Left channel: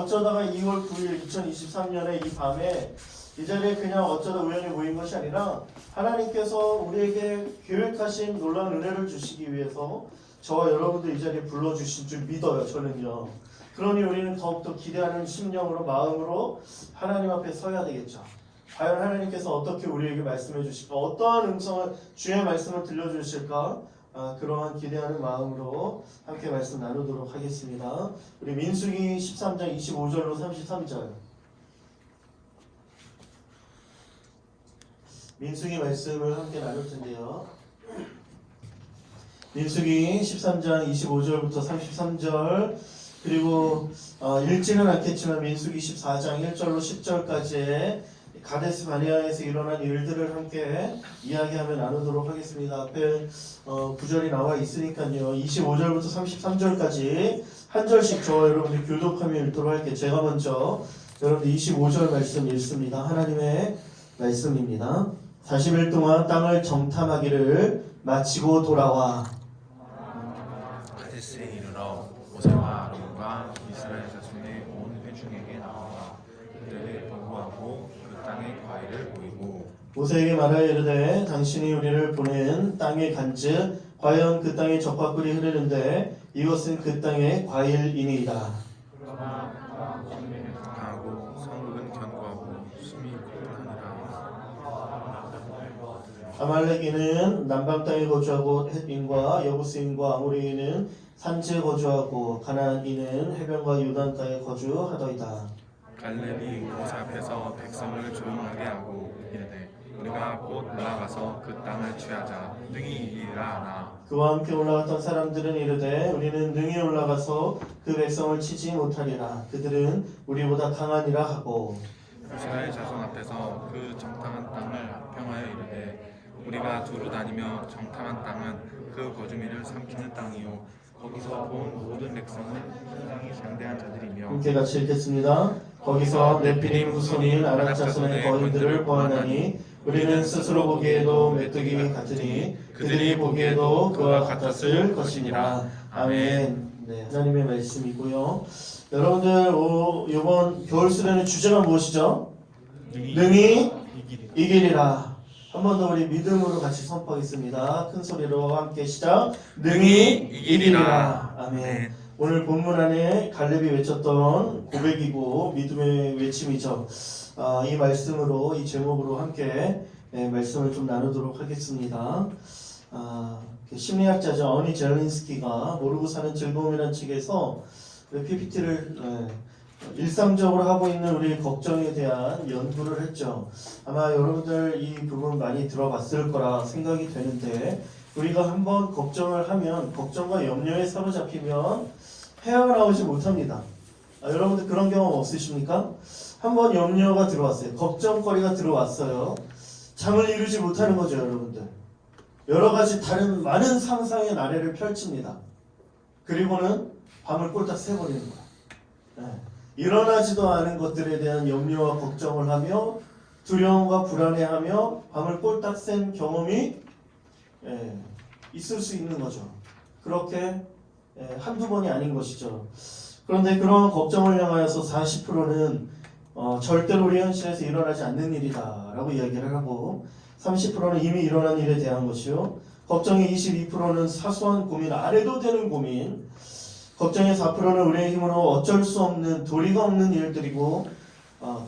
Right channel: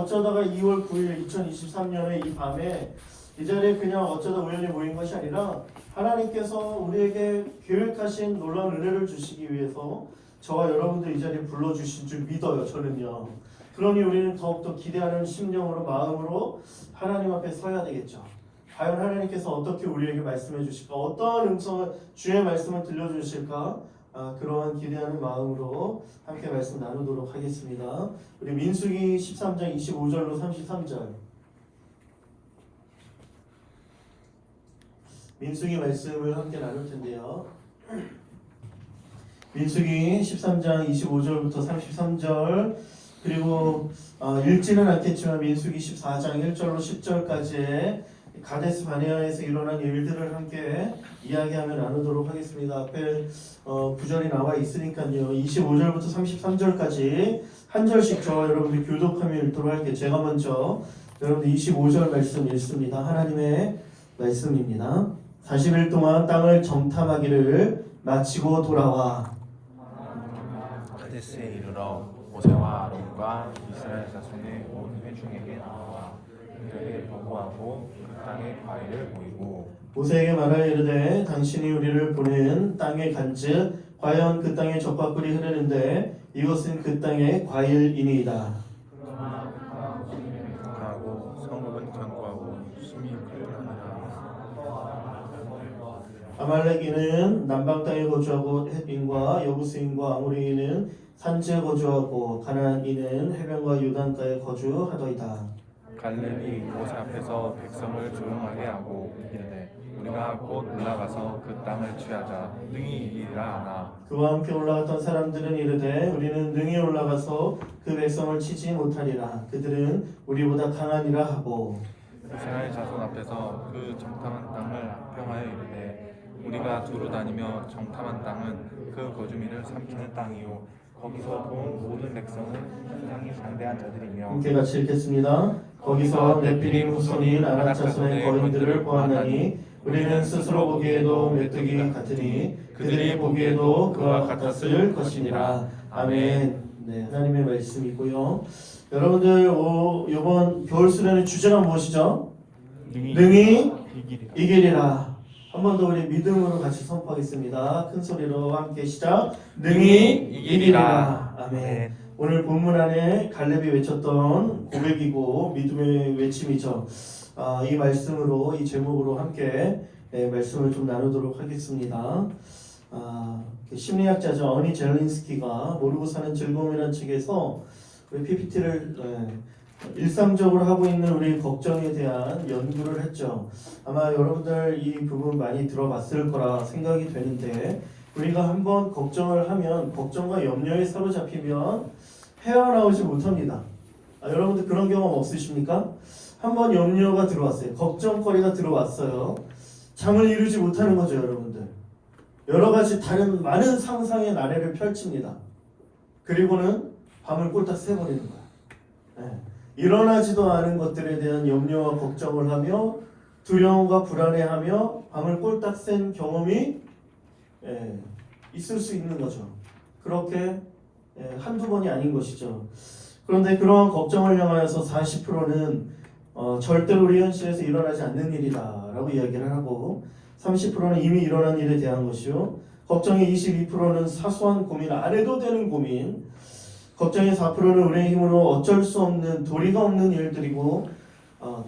어쩌다가 2월 9일 2023년에 이 밤에 이 자리에 그냥 어쩌다 우연히 모인 것이 아니라 하나님께서 우리에게 계획하신 놀라운 은혜를 주시기 위해서 저와 여러분들 이 자리에 불러주신 줄 믿어요. 저는요. 그러니 우리는 더욱더 기대하는 심령으로 마음으로 하나님 앞에 서야 되겠죠. 과연 하나님께서 어떻게 우리에게 말씀해 주실까? 어떠한 음성을 주의 말씀을 들려주실까? 그러한 기대하는 마음으로 함께 말씀 나누도록 하겠습니다. 우리 민수기 13장 25절로 33절 민수기 말씀을 함께 나눌 텐데요. 민수기 13장 25절부터 33절 그리고 읽지는 않겠지만 민수기 14장 1절로 10절까지의 가데스 바네아에서 일어난 일들을 함께 이야기하며 나누도록 하겠습니다. 앞에 구절이 나와 있으니까요. 25절부터 33절까지 한 절씩 저와 여러분들 교독하며 읽도록 할게요. 제가 먼저 여러분들 25절 말씀 읽습니다. 하나님의 말씀입니다. 40일 동안 땅을 정탐하기를 마치고 돌아와 카데스에 이르러 모세와 아론과 이스라엘 자손의 온 회중에게 나와 그들에게 보고하고 그 땅의 과일을 보이고 모세에게 말하여 이르되 당신이 우리를 보낸 땅의 간즉 과연 그 땅에 젖과 꿀이 흐르는데 이것은 그 땅의 과일이니이다. 하고 성읍은 견고하고 숨이 불편하니라. 아말렉인은 남방 땅에 거주하고 헷인과 여부스인과 아모리인은 산지에 거주하고 가나안인은 해변과 요단 땅에 거주하더이다. 갈렙이 모세 앞에서 백성을 조용하게 하고 이르되 우리가 곧 올라가서 그 땅을 취하자 능히 이기리라 하나. 그와 함께 올라갔던 사람들은 이르되 우리는 능히 올라가서 그 백성을 치지 못하리라. 그들은 우리보다 강하니라 하고 이스라엘 자손 앞에서 그 정탐한 땅을 평하여 이르되 우리가 두루 다니며 정탐한 땅은 그 거주민을 삼키는 땅이요 거기서 본 모든 백성은 상당히 장대한 자들이며 함께 같이 읽겠습니다. 거기서 넷비림 후손인 아낙 자손의 거인들을 보았나니 우리는 스스로 보기에도 메뚜기 같으니 그들이 보기에도 그와 같았을 것이니라. 아멘. 네, 하나님의 말씀이고요. 여러분들 이번 겨울 수련의 주제가 무엇이죠? 능히 이기리라. 한 번 더 우리 믿음으로 같이 선포하겠습니다. 큰 소리로 함께 시작. 능히 이기리라. 아멘. 오늘 본문 안에 갈렙이 외쳤던 고백이고 믿음의 외침이죠. 이 말씀으로 이 제목으로 함께 말씀을 좀 나누도록 하겠습니다. 심리학자죠. 어니 젤린스키가 모르고 사는 즐거움이라는 책에서 PPT를 일상적으로 하고 있는 우리 걱정에 대한 연구를 했죠. 아마 여러분들 이 부분 많이 들어봤을 거라 생각이 되는데 우리가 한번 걱정을 하면 걱정과 염려에 사로잡히면 헤어나오지 못합니다. 여러분들 그런 경험 없으십니까? 한번 염려가 들어왔어요. 걱정거리가 들어왔어요. 잠을 이루지 못하는 거죠, 여러분들. 여러 가지 다른 많은 상상의 나래를 펼칩니다. 그리고는 밤을 꼴딱 새버리는 거예요. 일어나지도 않은 것들에 대한 염려와 걱정을 하며 두려움과 불안해하며 밤을 꼴딱 센 경험이 있을 수 있는 거죠. 그렇게 한두 번이 아닌 것이죠. 그런데 그러한 걱정을 향하여서 40%는 절대로 우리 현실에서 일어나지 않는 일이다 라고 이야기를 하고 30%는 이미 일어난 일에 대한 것이요 걱정의 22%는 사소한 고민, 안 해도 되는 고민, 걱정의 4%는 우리의 힘으로 어쩔 수 없는 도리가 없는 일들이고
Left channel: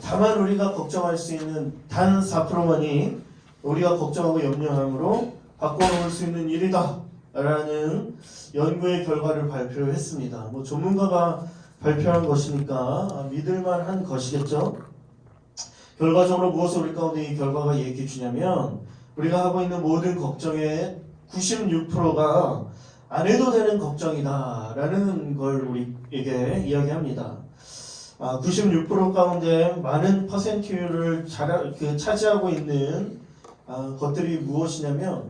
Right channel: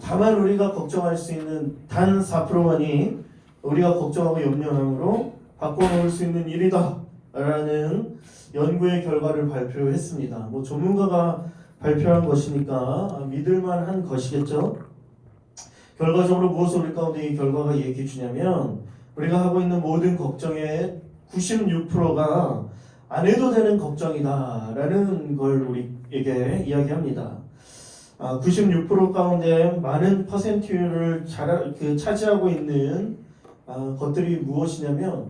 다만 우리가 걱정할 수 있는 단 4%만이 우리가 걱정하고 염려함으로 바꿔놓을 수 있는 일이다 라는 연구의 결과를 발표했습니다. 뭐 전문가가 발표한 것이니까 믿을만한 것이겠죠. 결과적으로 무엇을 우리 가운데 이 결과가 얘기해 주냐면 우리가 하고 있는 모든 걱정의 96%가 안 해도 되는 걱정이다 라는 걸 우리에게 이야기합니다. 96% 가운데 많은 퍼센트율을 차지하고 있는 것들이 무엇이냐면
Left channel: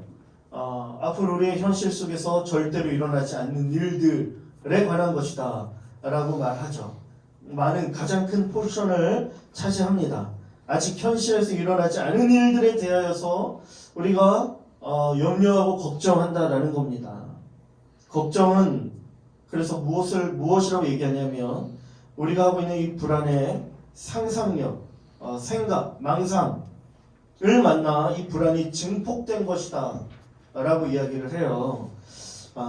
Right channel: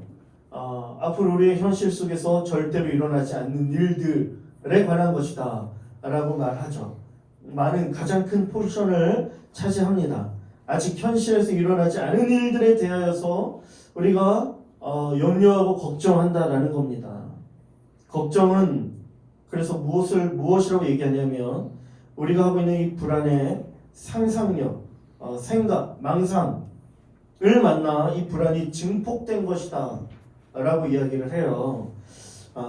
앞으로 우리의 현실 속에서 절대로 일어나지 않는 일들에 관한 것이다 라고 말하죠. 가장 큰 포션을 차지합니다. 아직 현실에서 일어나지 않은 일들에 대하여서 우리가 염려하고 걱정한다라는 겁니다. 걱정은 그래서 무엇이라고 얘기하냐면 우리가 하고 있는 이 불안의 상상력, 생각, 망상을 만나 이 불안이 증폭된 것이다 라고 이야기를 해요.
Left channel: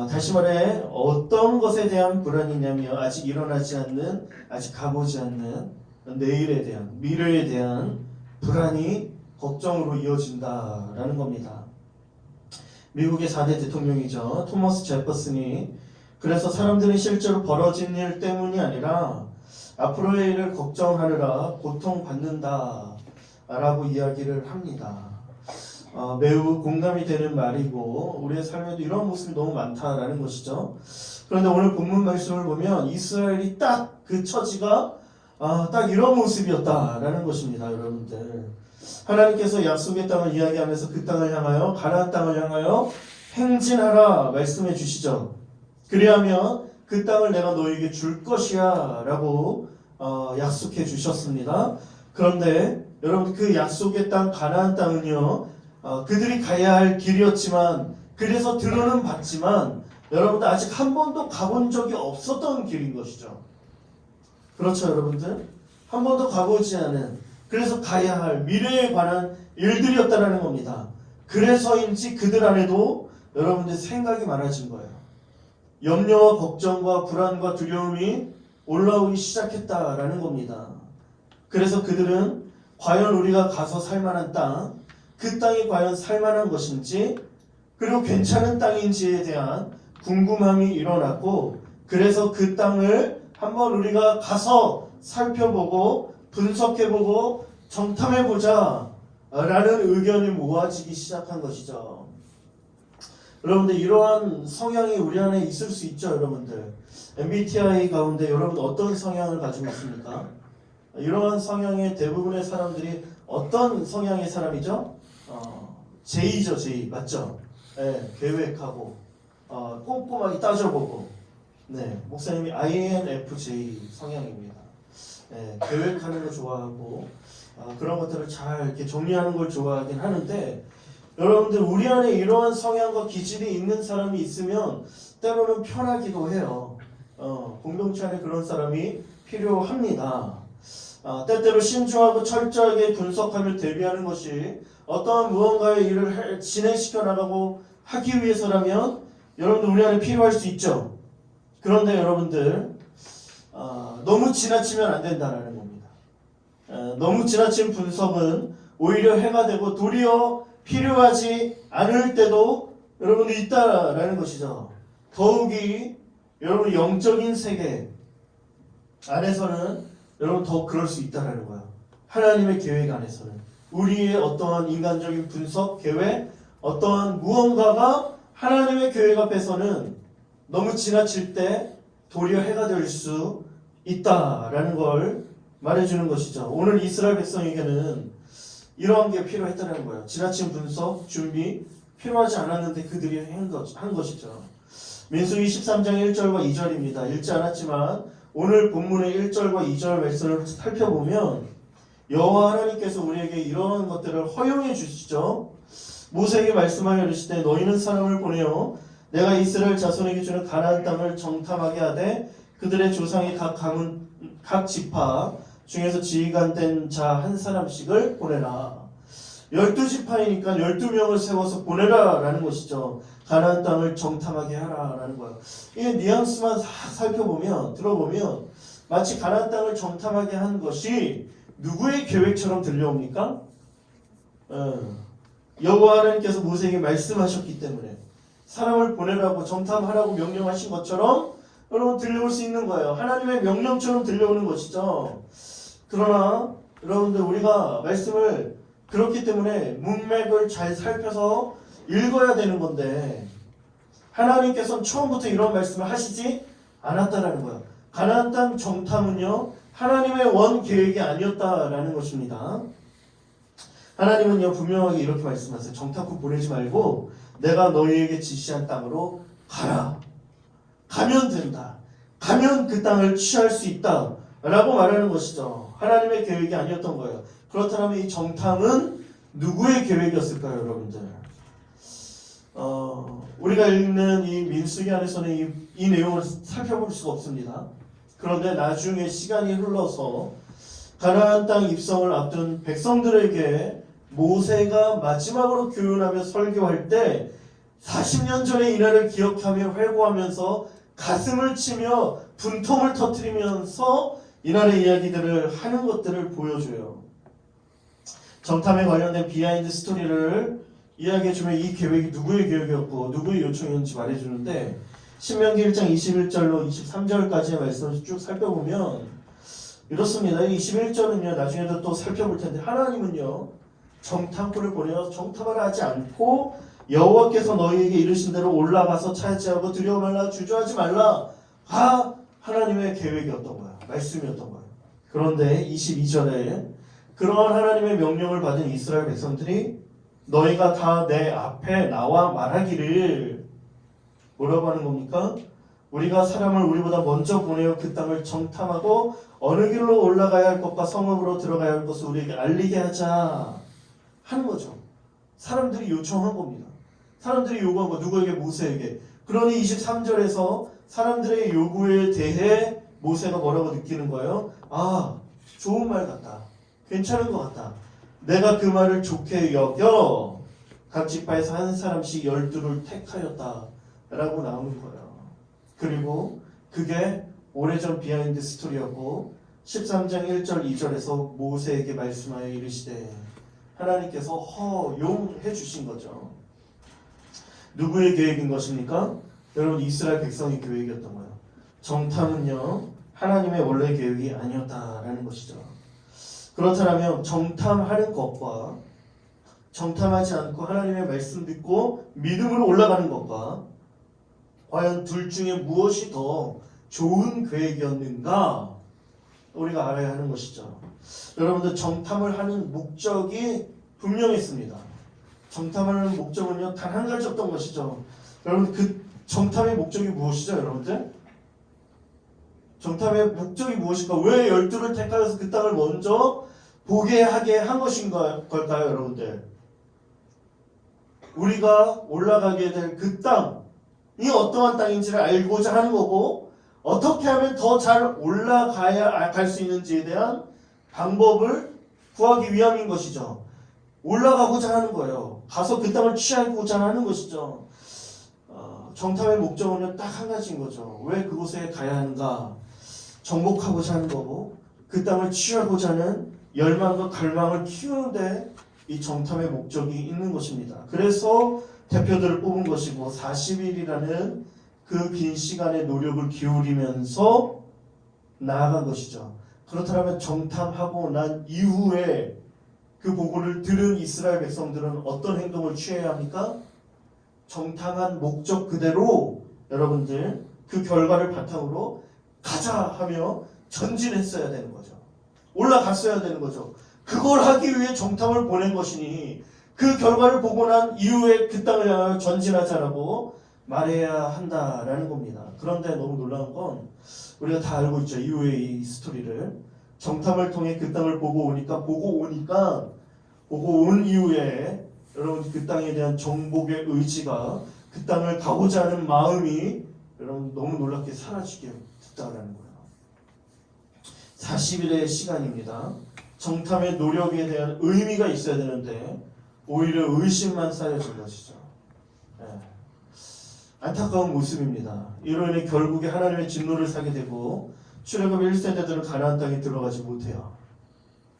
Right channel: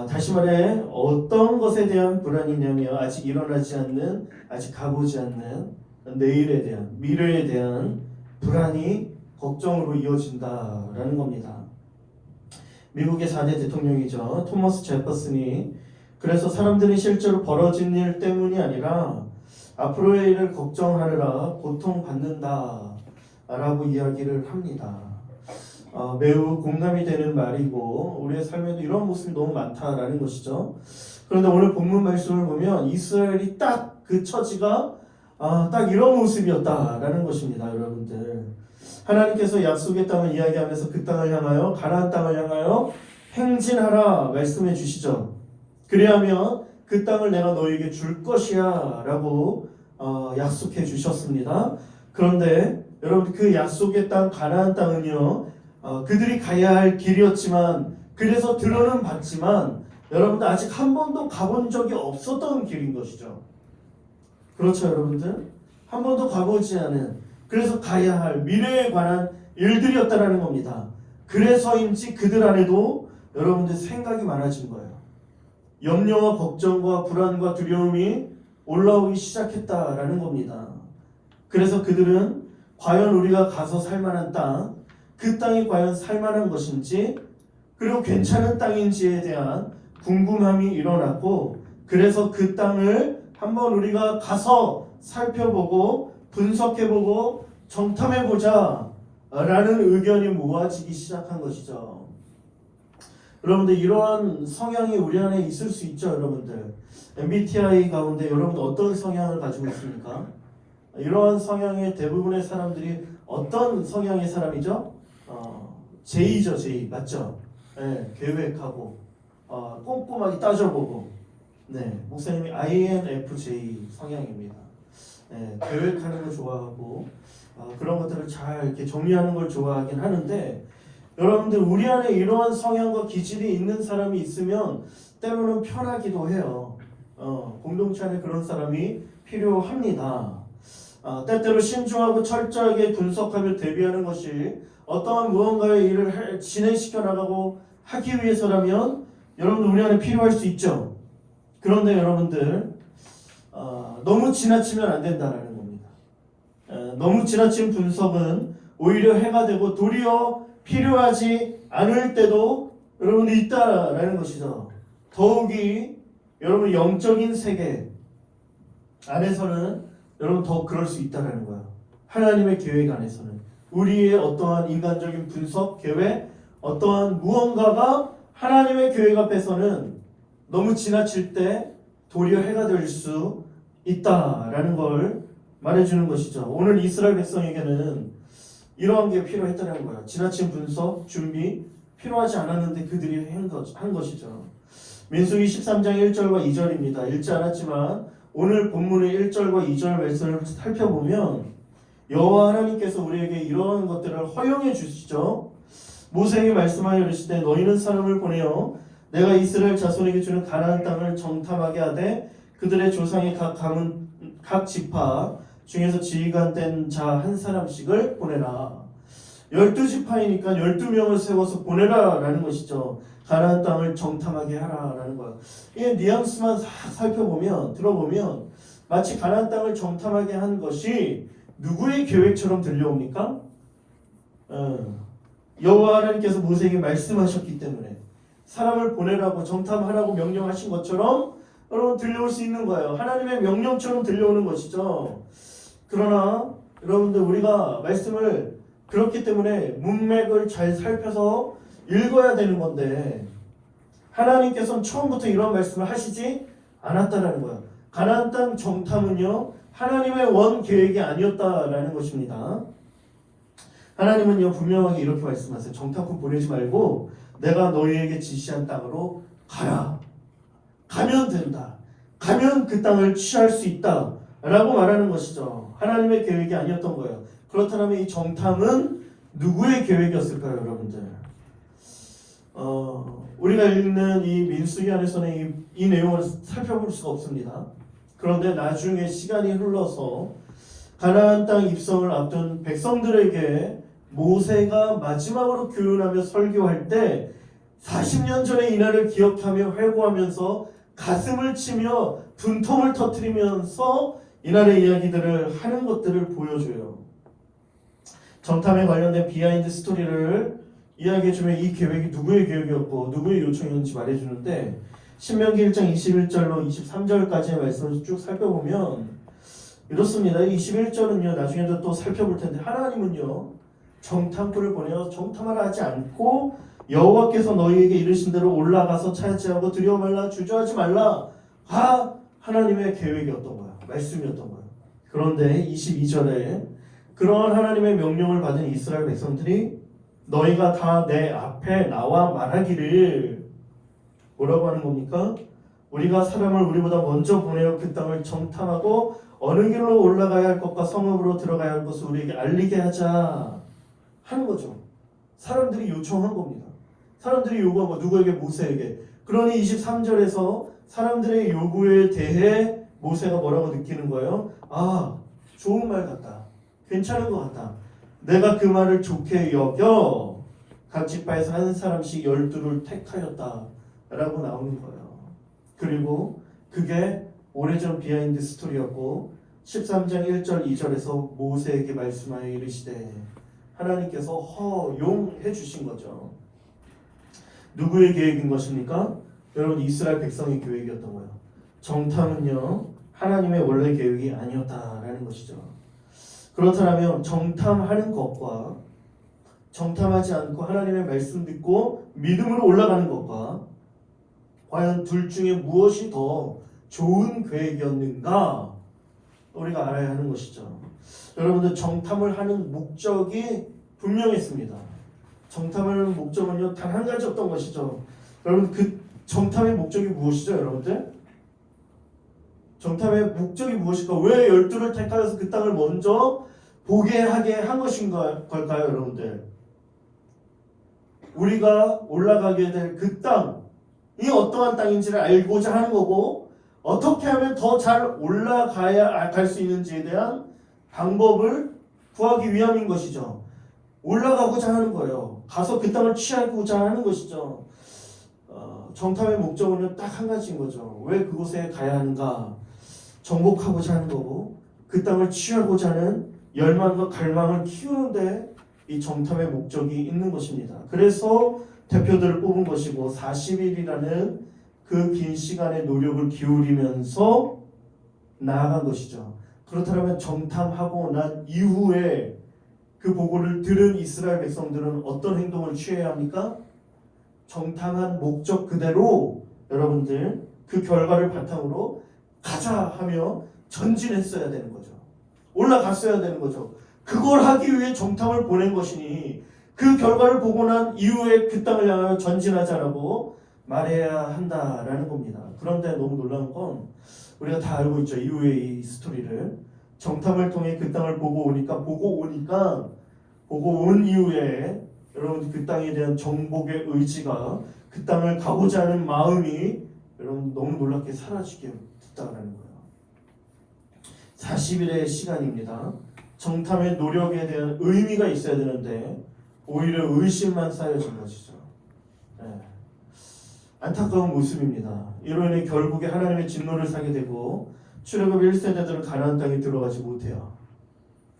다시 말해 어떤 것에 대한 불안이냐면 아직 일어나지 않는, 아직 가보지 않는 내일에 대한, 미래에 대한 불안이 걱정으로 이어진다라는 겁니다. 미국의 4대 대통령이죠. 토머스 제퍼슨이 그래서 사람들이 실제로 벌어진 일 때문이 아니라 앞으로의 일을 걱정하느라 고통받는다 라고 이야기를 합니다. 매우 공감이 되는 말이고 우리의 삶에도 이런 모습이 너무 많다라는 것이죠. 그런데 오늘 본문 말씀을 보면 이스라엘이 딱 그 처지가 딱 이런 모습이었다라는 것입니다. 여러분들, 하나님께서 약속의 땅을 이야기하면서 그 땅을 향하여, 가나안 땅을 향하여 행진하라 말씀해 주시죠. 그리하면 그 땅을 내가 너에게 줄 것이야 라고 약속해 주셨습니다. 그런데 여러분, 그 약속의 땅 가나안 땅은요, 그들이 가야 할 길이었지만, 그래서 들어는 봤지만 여러분들 아직 한 번도 가본 적이 없었던 길인 것이죠. 그렇죠, 여러분들? 한 번도 가보지 않은, 그래서 가야 할 미래에 관한 일들이었다라는 겁니다. 그래서인지 그들 안에도 여러분들 생각이 많아진 거예요. 염려와 걱정과 불안과 두려움이 올라오기 시작했다라는 겁니다. 그래서 그들은 과연 우리가 가서 살만한 땅, 그 땅이 과연 살만한 것인지, 그리고 괜찮은 땅인지에 대한 궁금함이 일어났고, 그래서 그 땅을 한번 우리가 가서 살펴보고 분석해보고 정탐해보자 라는 의견이 모아지기 시작한 것이죠. 여러분들, 이러한 성향이 우리 안에 있을 수 있죠. 여러분들, MBTI 가운데 여러분 어떤 성향을 가지고 있습니까? 이러한 성향의 대부분의 사람들이 어떤 성향의 사람이죠? J죠, J. 맞죠? 네, 계획하고 꼼꼼하게 따져보고. 네, 목사님이 INFJ 성향입니다. 네, 계획하는 걸 좋아하고 그런 것들을 잘 이렇게 정리하는 걸 좋아하긴 하는데, 여러분들, 우리 안에 이러한 성향과 기질이 있는 사람이 있으면 때로는 편하기도 해요. 공동체 안에 그런 사람이 필요합니다. 때때로 신중하고 철저하게 분석하며 대비하는 것이 어떠한 무언가의 일을 진행시켜 나가고 하기 위해서라면 여러분들 우리 안에 필요할 수 있죠. 그런데 여러분들, 너무 지나치면 안 된다는 겁니다. 너무 지나친 분석은 오히려 해가 되고 도리어 필요하지 않을 때도 여러분들 있다라는 것이죠. 더욱이 여러분 영적인 세계 안에서는 여러분 더 그럴 수 있다라는 거예요. 하나님의 계획 안에서는 우리의 어떠한 인간적인 분석, 계획, 어떠한 무언가가 하나님의 계획 앞에서는 너무 지나칠 때 도리어 해가 될 수 있다라는 걸 말해주는 것이죠. 오늘 이스라엘 백성에게는 이러한 게 필요했다는 거예요. 지나친 분석, 준비 필요하지 않았는데 그들이 한 것이죠. 민수기 13장 1절과 2절입니다. 읽지 않았지만 오늘 본문의 1절과 2절 말씀을 살펴보면 여호와 하나님께서 우리에게 이러한 것들을 허용해 주시죠. 모세에게 말씀하여 이르시되 너희는 사람을 보내어 내가 이스라엘 자손에게 주는 가나안 땅을 정탐하게 하되 그들의 조상의 각 가문 각 지파 중에서 지휘관된 자 한 사람씩을 보내라. 12지파이니까 12명을 세워서 보내라 라는 것이죠. 가나안 땅을 정탐하게 하라 라는 거예요. 이게 뉘앙스만 살펴보면, 들어보면 마치 가나안 땅을 정탐하게 한 것이 누구의 계획처럼 들려옵니까? 여호와 하나님께서 모세에게 말씀하셨기 때문에 사람을 보내라고 정탐하라고 명령하신 것처럼 여러분 들려올 수 있는 거예요. 하나님의 명령처럼 들려오는 것이죠. 그러나 여러분들, 우리가 말씀을 그렇기 때문에 문맥을 잘 살펴서 읽어야 되는 건데 하나님께서는 처음부터 이런 말씀을 하시지 않았다라는 거예요. 가나안 땅 정탐은요 하나님의 원 계획이 아니었다라는 것입니다. 하나님은요 분명하게 이렇게 말씀하세요. 정탐꾼 보내지 말고 내가 너희에게 지시한 땅으로 가라. 가면 된다. 가면 그 땅을 취할 수 있다 라고 말하는 것이죠. 하나님의 계획이 아니었던 거예요. 그렇다면 이 정탐은 누구의 계획이었을까요, 여러분들? 우리가 읽는 이 민수기 안에서는 이 내용을 살펴볼 수가 없습니다. 그런데 나중에 시간이 흘러서 가나안 땅 입성을 앞둔 백성들에게 모세가 마지막으로 교훈하며 설교할 때 40년 전의 이날을 기억하며 회고하면서 가슴을 치며 분통을 터뜨리면서 이날의 이야기들을 하는 것들을 보여줘요. 정탐에 관련된 비하인드 스토리를 이야기해주면 이 계획이 누구의 계획이었고 누구의 요청이었는지 말해주는데 신명기 1장 21절로 23절까지의 말씀을 쭉 살펴보면 이렇습니다. 21절은요 나중에도 또 살펴볼 텐데 하나님은요 정탐꾼을 보내어 정탐을 하지 않고 여호와께서 너희에게 이르신 대로 올라가서 차지하고 두려워 말라 주저하지 말라 하나님의 계획이었던 거야. 말씀이었던 거야. 그런데 22절에 그러한 하나님의 명령을 받은 이스라엘 백성들이 너희가 다 내 앞에 나와 말하기를 뭐라고 하는 겁니까? 우리가 사람을 우리보다 먼저 보내어 그 땅을 정탐하고 어느 길로 올라가야 할 것과 성읍으로 들어가야 할 것을 우리에게 알리게 하자 하는 거죠. 사람들이 요청한 겁니다. 사람들이 요구한 거 누구에게? 모세에게. 그러니 23절에서 사람들의 요구에 대해 모세가 뭐라고 느끼는 거예요? 아, 좋은 말 같다. 괜찮은 것 같다. 내가 그 말을 좋게 여겨 각 지파에서 한 사람씩 12를 택하였다 라고 나오는 거예요. 그리고 그게 오래전 비하인드 스토리였고 13장 1절 2절에서 모세에게 말씀하여 이르시되 하나님께서 허용해 주신 거죠. 누구의 계획인 것입니까? 여러분 이스라엘 백성의 계획이었던 거예요. 정탐은요 하나님의 원래 계획이 아니었다라는 것이죠. 그렇다면 정탐하는 것과 정탐하지 않고 하나님의 말씀 듣고 믿음으로 올라가는 것과 과연 둘 중에 무엇이 더 좋은 계획이었는가 우리가 알아야 하는 것이죠. 여러분들 정탐을 하는 목적이 분명했습니다. 정탐하는 목적은요 단 한 가지였던 것이죠. 여러분 그 정탐의 목적이 무엇이죠, 여러분들? 정탐의 목적이 무엇일까? 왜 12를 택하여서 그 땅을 먼저 보게 하게 한 것인가요, 여러분들? 우리가 올라가게 될 그 땅이 어떠한 땅인지를 알고자 하는 거고 어떻게 하면 더 잘 올라가야 갈 수 있는지에 대한 방법을 구하기 위함인 것이죠. 올라가고자 하는 거예요. 가서 그 땅을 취하고자 하는 것이죠. 정탐의 목적은 딱 한 가지인 거죠. 왜 그곳에 가야 하는가? 정복하고자 하는 거고 그 땅을 취하고자 하는 열망과 갈망을 키우는데 이 정탐의 목적이 있는 것입니다. 그래서 대표들을 뽑은 것이고 40일이라는 그 긴 시간의 노력을 기울이면서 나아간 것이죠. 그렇다면 정탐하고 난 이후에 그 보고를 들은 이스라엘 백성들은 어떤 행동을 취해야 합니까? 정탐한 목적 그대로 여러분들 그 결과를 바탕으로 가자 하며 전진했어야 되는 거죠. 올라갔어야 되는 거죠. 그걸 하기 위해 정탐을 보낸 것이니 그 결과를 보고 난 이후에 그 땅을 향하여 전진하자라고 말해야 한다라는 겁니다. 그런데 너무 놀라운 건 우리가 다 알고 있죠. 이후의 이 스토리를 정탐을 통해 그 땅을 보고 온 이후에 여러분 그 땅에 대한 정복의 의지가 그 땅을 가고자 하는 마음이 여러분 너무 놀랍게 사라지게 됐다는 거예요. 40일의 시간입니다. 정탐의 노력에 대한 의미가 있어야 되는데 오히려 의심만 쌓여진 것이죠. 네. 안타까운 모습입니다. 이로 인해 결국에 하나님의 진노를 사게 되고 출애굽 1세대들은 가나안 땅에 들어가지 못해요.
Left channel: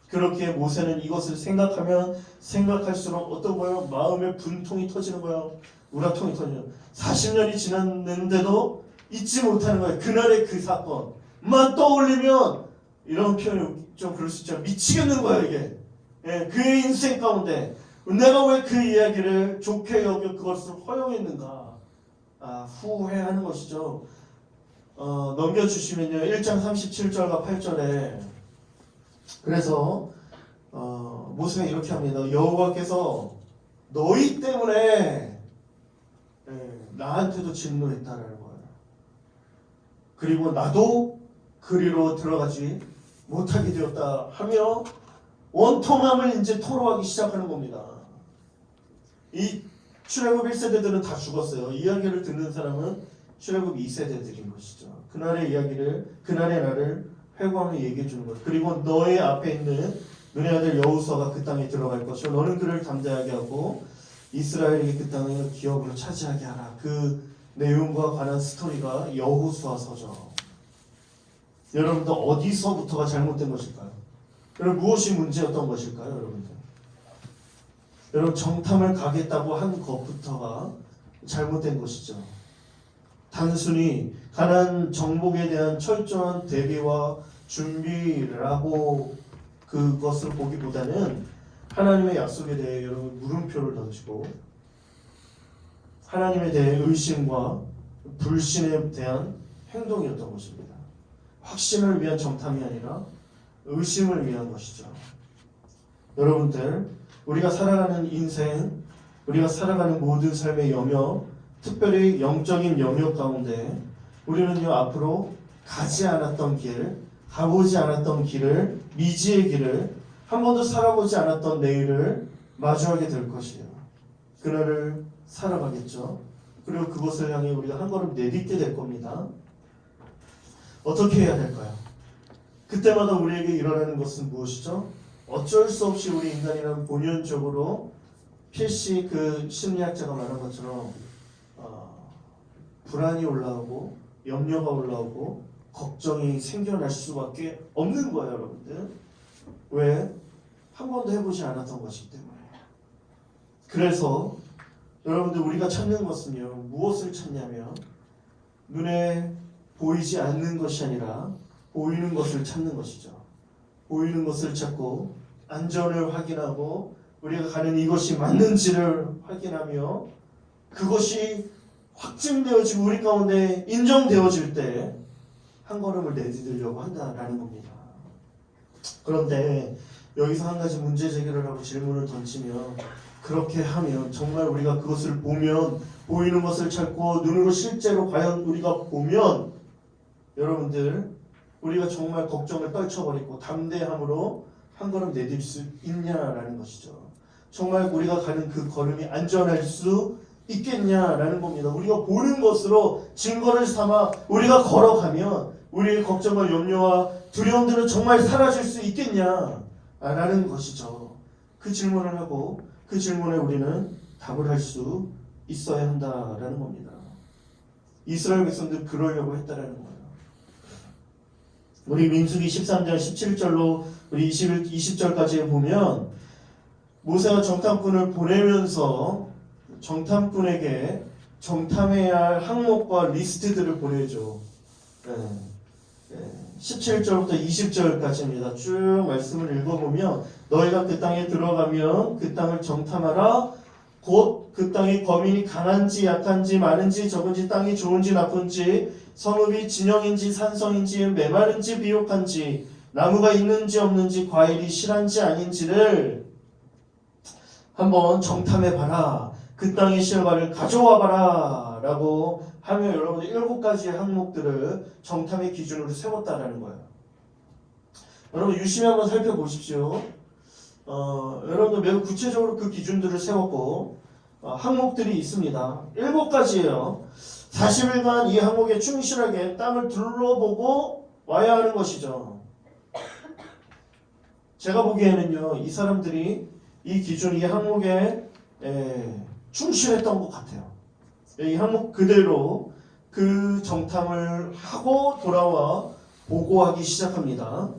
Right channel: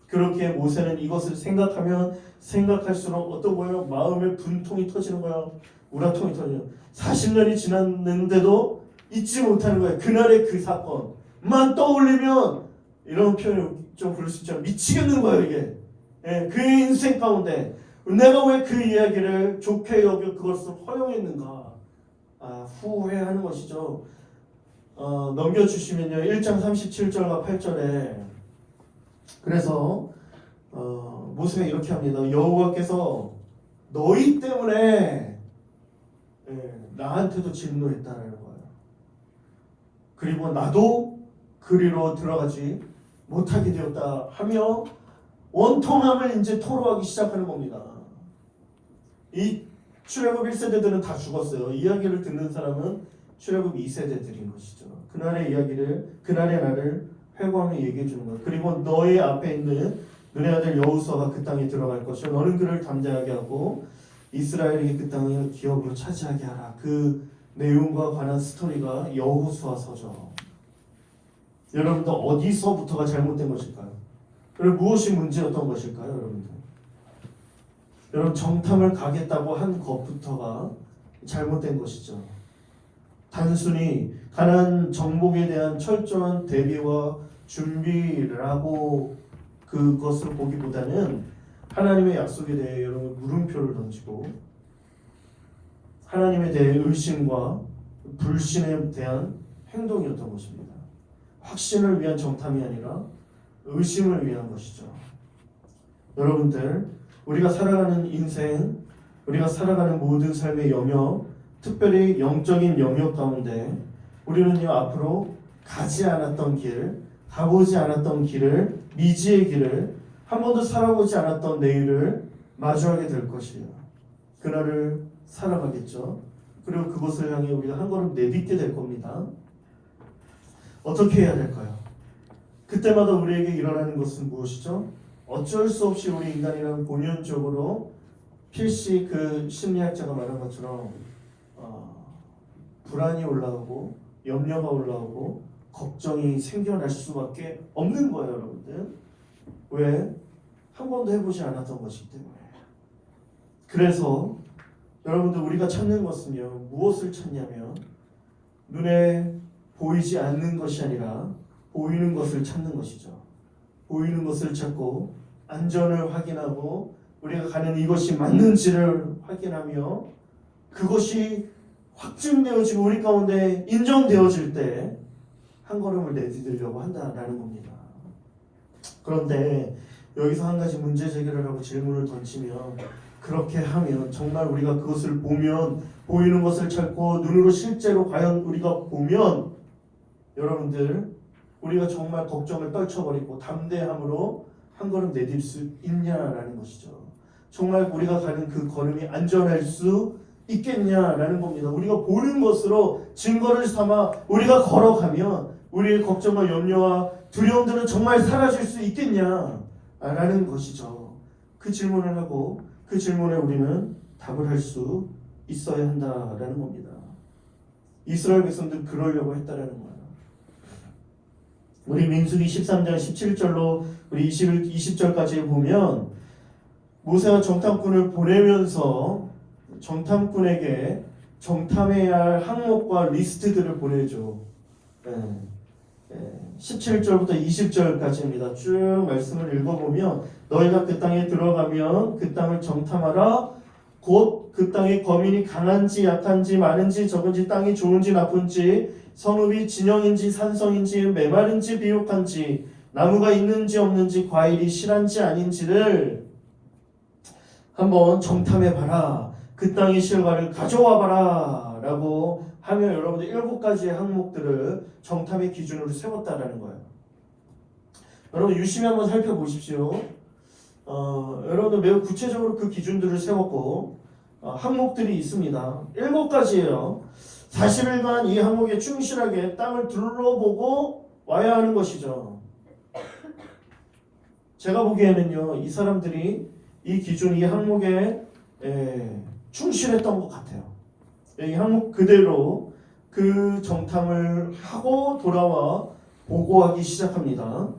그렇게 모세는 이것을 생각하면 생각할수록 어떤 거예요? 마음의 분통이 터지는 거야. 우라통이 터지는 40년이 지났는데도 잊지 못하는 거예요. 그날의 그 사건만 떠올리면 이런 표현이 좀 그럴 수 있죠. 미치겠는 거예요 이게. 예, 그의 인생 가운데 내가 왜 그 이야기를 좋게 여겨 그것을 허용했는가 후회하는 것이죠. 넘겨주시면요 1장 37절과 8절에 그래서 모세가 이렇게 합니다. 여호와께서 너희 때문에 나한테도 진노했다라는 거예요. 그리고 나도 그리로 들어가지 못하게 되었다 하며 원통함을 이제 토로하기 시작하는 겁니다. 이 출애굽 1세대들은 다 죽었어요. 이야기를 듣는 사람은 출애굽 2세대들인 것이죠. 그날의 이야기를 그날의 날을 회고하며 얘기해 주는 것. 그리고 너의 앞에 있는 눈의 아들 여호수아가 그 땅에 들어갈 것이요 너는 그를 담대하게 하고 이스라엘이 그 땅을 기업으로 차지하게 하라. 그 내용과 관한 스토리가 여호수아서죠. 여러분들 어디서부터가 잘못된 것일까요? 여러분 무엇이 문제였던 것일까요, 여러분들? 여러분 정탐을 가겠다고 한 것부터가 잘못된 것이죠. 단순히 가나안 정복에 대한 철저한 대비와 준비라고 그것을 보기보다는 하나님의 약속에 대해 여러분 물음표를 던지고 하나님에 대해 의심과 불신에 대한 행동이었던 것입니다. 확신을 위한 정탐이 아니라 의심을 위한 것이죠. 여러분들, 우리가 살아가는 인생, 우리가 살아가는 모든 삶의 영역, 특별히 영적인 영역 가운데 우리는요 앞으로 가지 않았던 길, 가보지 않았던 길을, 미지의 길을, 한 번도 살아보지 않았던 내일을 마주하게 될 것이에요. 그날을 살아가겠죠. 그리고 그것을 향해 우리가 한 걸음 내딛게 될 겁니다. 어떻게 해야 될까요? 그때마다 우리에게 일어나는 것은 무엇이죠? 어쩔 수 없이 우리 인간이란 본연적으로 필시 그 심리학자가 말한 것처럼 불안이 올라오고 염려가 올라오고 걱정이 생겨날 수밖에 없는 거예요, 여러분들. 왜? 한 번도 해보지 않았던 것이기 때문에. 그래서 여러분들 우리가 찾는 것은요 무엇을 찾냐면 눈에 보이지 않는 것이 아니라 보이는 것을 찾는 것이죠. 보이는 것을 찾고 안전을 확인하고 우리가 가는 이것이 맞는지를 확인하며 그것이 확증되어지고 우리 가운데 인정되어질 때 한 걸음을 내디디려고 한다라는 겁니다. 그런데 여기서 한 가지 문제 제기를 하고 질문을 던지면 그렇게 하면 정말 우리가 그것을 보면 보이는 것을 찾고 눈으로 실제로 과연 우리가 보면 여러분들 우리가 정말 걱정을 떨쳐버리고 담대함으로 한 걸음 내딜 수 있냐라는 것이죠. 정말 우리가 가는 그 걸음이 안전할 수 있겠냐라는 겁니다. 우리가 보는 것으로 증거를 삼아 우리가 걸어가면 우리의 걱정과 염려와 두려움들은 정말 사라질 수 있겠냐라는 것이죠. 그 질문을 하고 그 질문에 우리는 답을 할 수 있어야 한다라는 겁니다. 이스라엘 백성들 그러려고 했다라는 거예요. 우리 민수기 13장 17절로 우리 20절까지 보면 모세가 정탐꾼을 보내면서 정탐꾼에게 정탐해야 할 항목과 리스트들을 보내죠. 17절부터 20절까지입니다. 쭉 말씀을 읽어보면 너희가 그 땅에 들어가면 그 땅을 정탐하라. 곧 그 땅의 거민이 강한지 약한지 많은지 적은지 땅이 좋은지 나쁜지 성읍이 진영인지 산성인지 메마른지 비옥한지 나무가 있는지 없는지 과일이 실한지 아닌지를 한번 정탐해봐라. 그 땅의 실과를 가져와봐라 라고 하며 여러분들 7가지의 항목들을 정탐의 기준으로 세웠다라는 거예요. 여러분 유심히 한번 살펴보십시오. 여러분들 매우 구체적으로 그 기준들을 세웠고 항목들이 있습니다. 7가지예요. 40일간 이 항목에 충실하게 땅을 둘러보고 와야 하는 것이죠. 제가 보기에는요 이 사람들이 이 기준, 이 항목에 충실했던 것 같아요. 이 항목 그대로 그 정탐을 하고 돌아와 보고하기 시작합니다.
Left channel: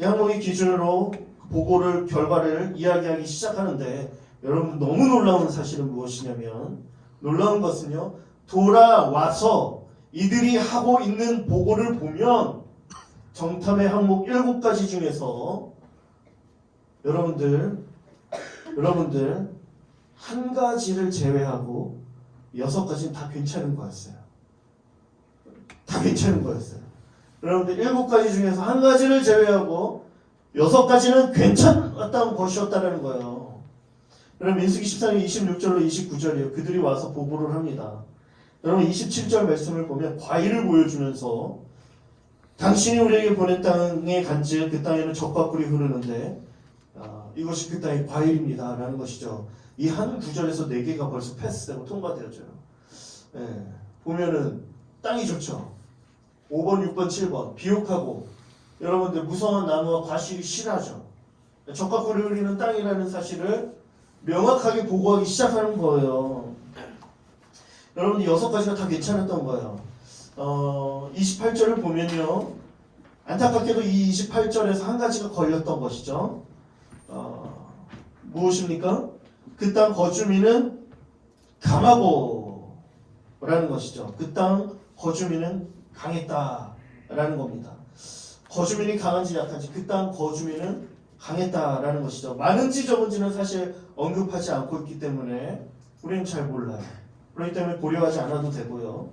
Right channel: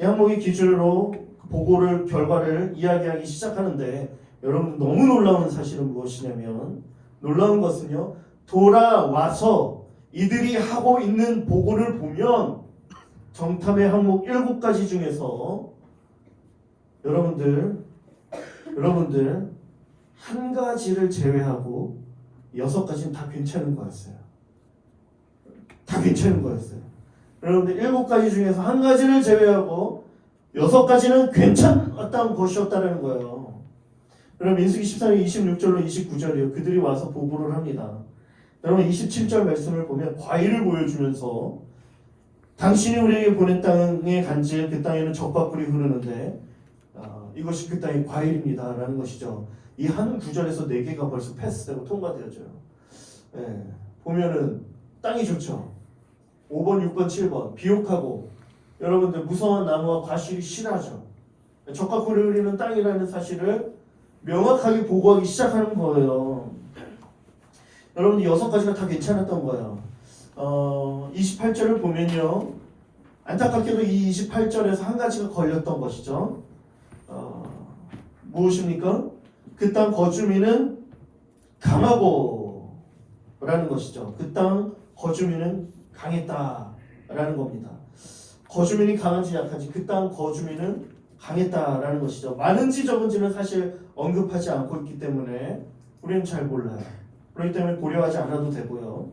이 항목의 기준으로 보고를 결과를 이야기하기 시작하는데 여러분 너무 놀라운 사실은 무엇이냐면 놀라운 것은요 돌아와서 이들이 하고 있는 보고를 보면 정탐의 항목 7가지 중에서 여러분들 한 가지를 제외하고 6가지는 다 괜찮은 거였어요. 다 괜찮은 거였어요. 여러분들 7가지 중에서 한 가지를 제외하고 6가지는 괜찮았던 것이었다는 거예요. 그럼 민수기 14장 26절로 29절이에요. 그들이 와서 보고를 합니다. 여러분 27절 말씀을 보면 과일을 보여주면서 당신이 우리에게 보낸 땅에 간지에 그 땅에는 젖과 꿀이 흐르는데 이것이 그 땅의 과일입니다 라는 것이죠. 이 한 구절에서 4개가 벌써 패스되고 통과되어져요. 보면은 땅이 좋죠. 5번, 6번, 7번 비옥하고 여러분들 무성한 나무와 과실이 실하죠. 적과 꿀이 흐르는 땅이라는 사실을 명확하게 보고하기 시작하는 거예요. 여러분 6가지가 다 괜찮았던 거예요. 28절을 보면요. 안타깝게도 이 28절에서 한 가지가 걸렸던 것이죠. 무엇입니까? 그 땅 거주민은 강하고 라는 것이죠. 그 땅 거주민은 강했다라는 겁니다. 거주민이 강한지 약한지 그 땅 거주민은 강했다라는 것이죠. 많은지 적은지는 사실 언급하지 않고 있기 때문에 우리는 잘 몰라요. 그렇기 때문에 고려하지 않아도 되고요.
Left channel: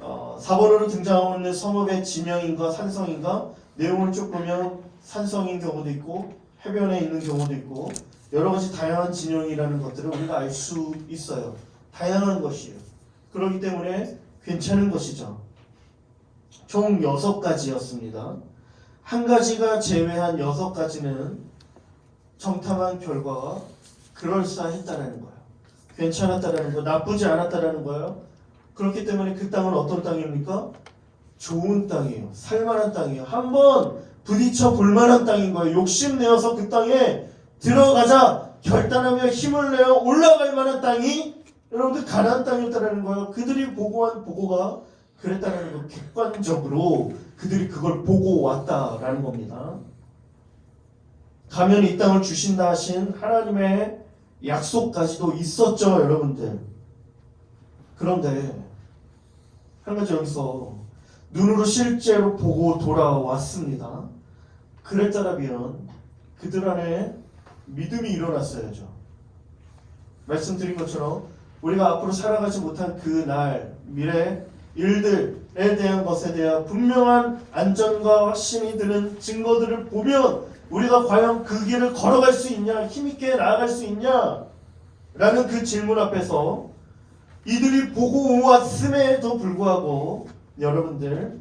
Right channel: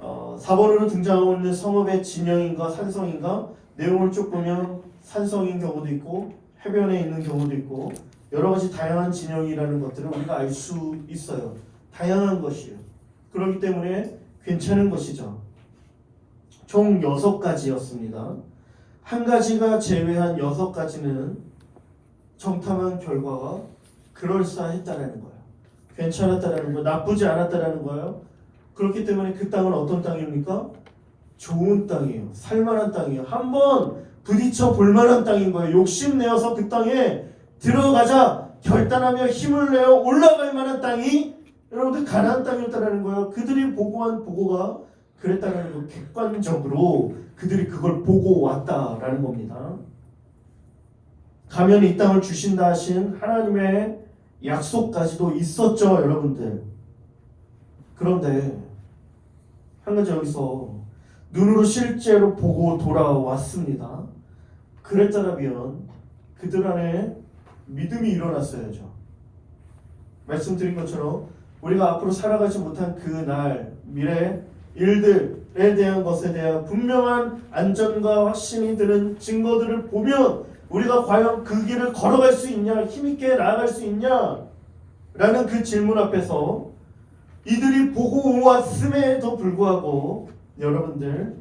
4번으로 등장하고 있는 성읍의 지명인가 산성인가 내용을 쭉 보면 산성인 경우도 있고 해변에 있는 경우도 있고 여러 가지 다양한 진영이라는 것들을 우리가 알 수 있어요. 다양한 것이에요. 그렇기 때문에 괜찮은 것이죠. 총 6가지였습니다. 한 가지가 제외한 6가지는 정탐한 결과가 그럴싸했다라는 거예요. 괜찮았다라는 거, 나쁘지 않았다라는 거예요. 그렇기 때문에 그 땅은 어떤 땅입니까? 좋은 땅이에요. 살만한 땅이에요. 한번 부딪혀 볼만한 땅인 거예요. 욕심내어서 그 땅에 들어가자 결단하며 힘을 내어 올라갈 만한 땅이 여러분들 가나안 땅이었다는 거예요. 그들이 보고한 보고가 그랬다는 거 객관적으로 그들이 그걸 보고 왔다라는 겁니다. 가면 이 땅을 주신다 하신 하나님의 약속까지도 있었죠, 여러분들. 그런데 한 가지 여기서 눈으로 실제로 보고 돌아왔습니다. 그랬더라면 그들 안에 믿음이 일어났어야죠. 말씀드린 것처럼 우리가 앞으로 살아가지 못한 그날 미래 일들에 대한 것에 대한 분명한 안전과 확신이 드는 증거들을 보면 우리가 과연 그 길을 걸어갈 수 있냐, 힘있게 나아갈 수 있냐 라는 그 질문 앞에서 이들이 보고 왔음에도 불구하고 여러분들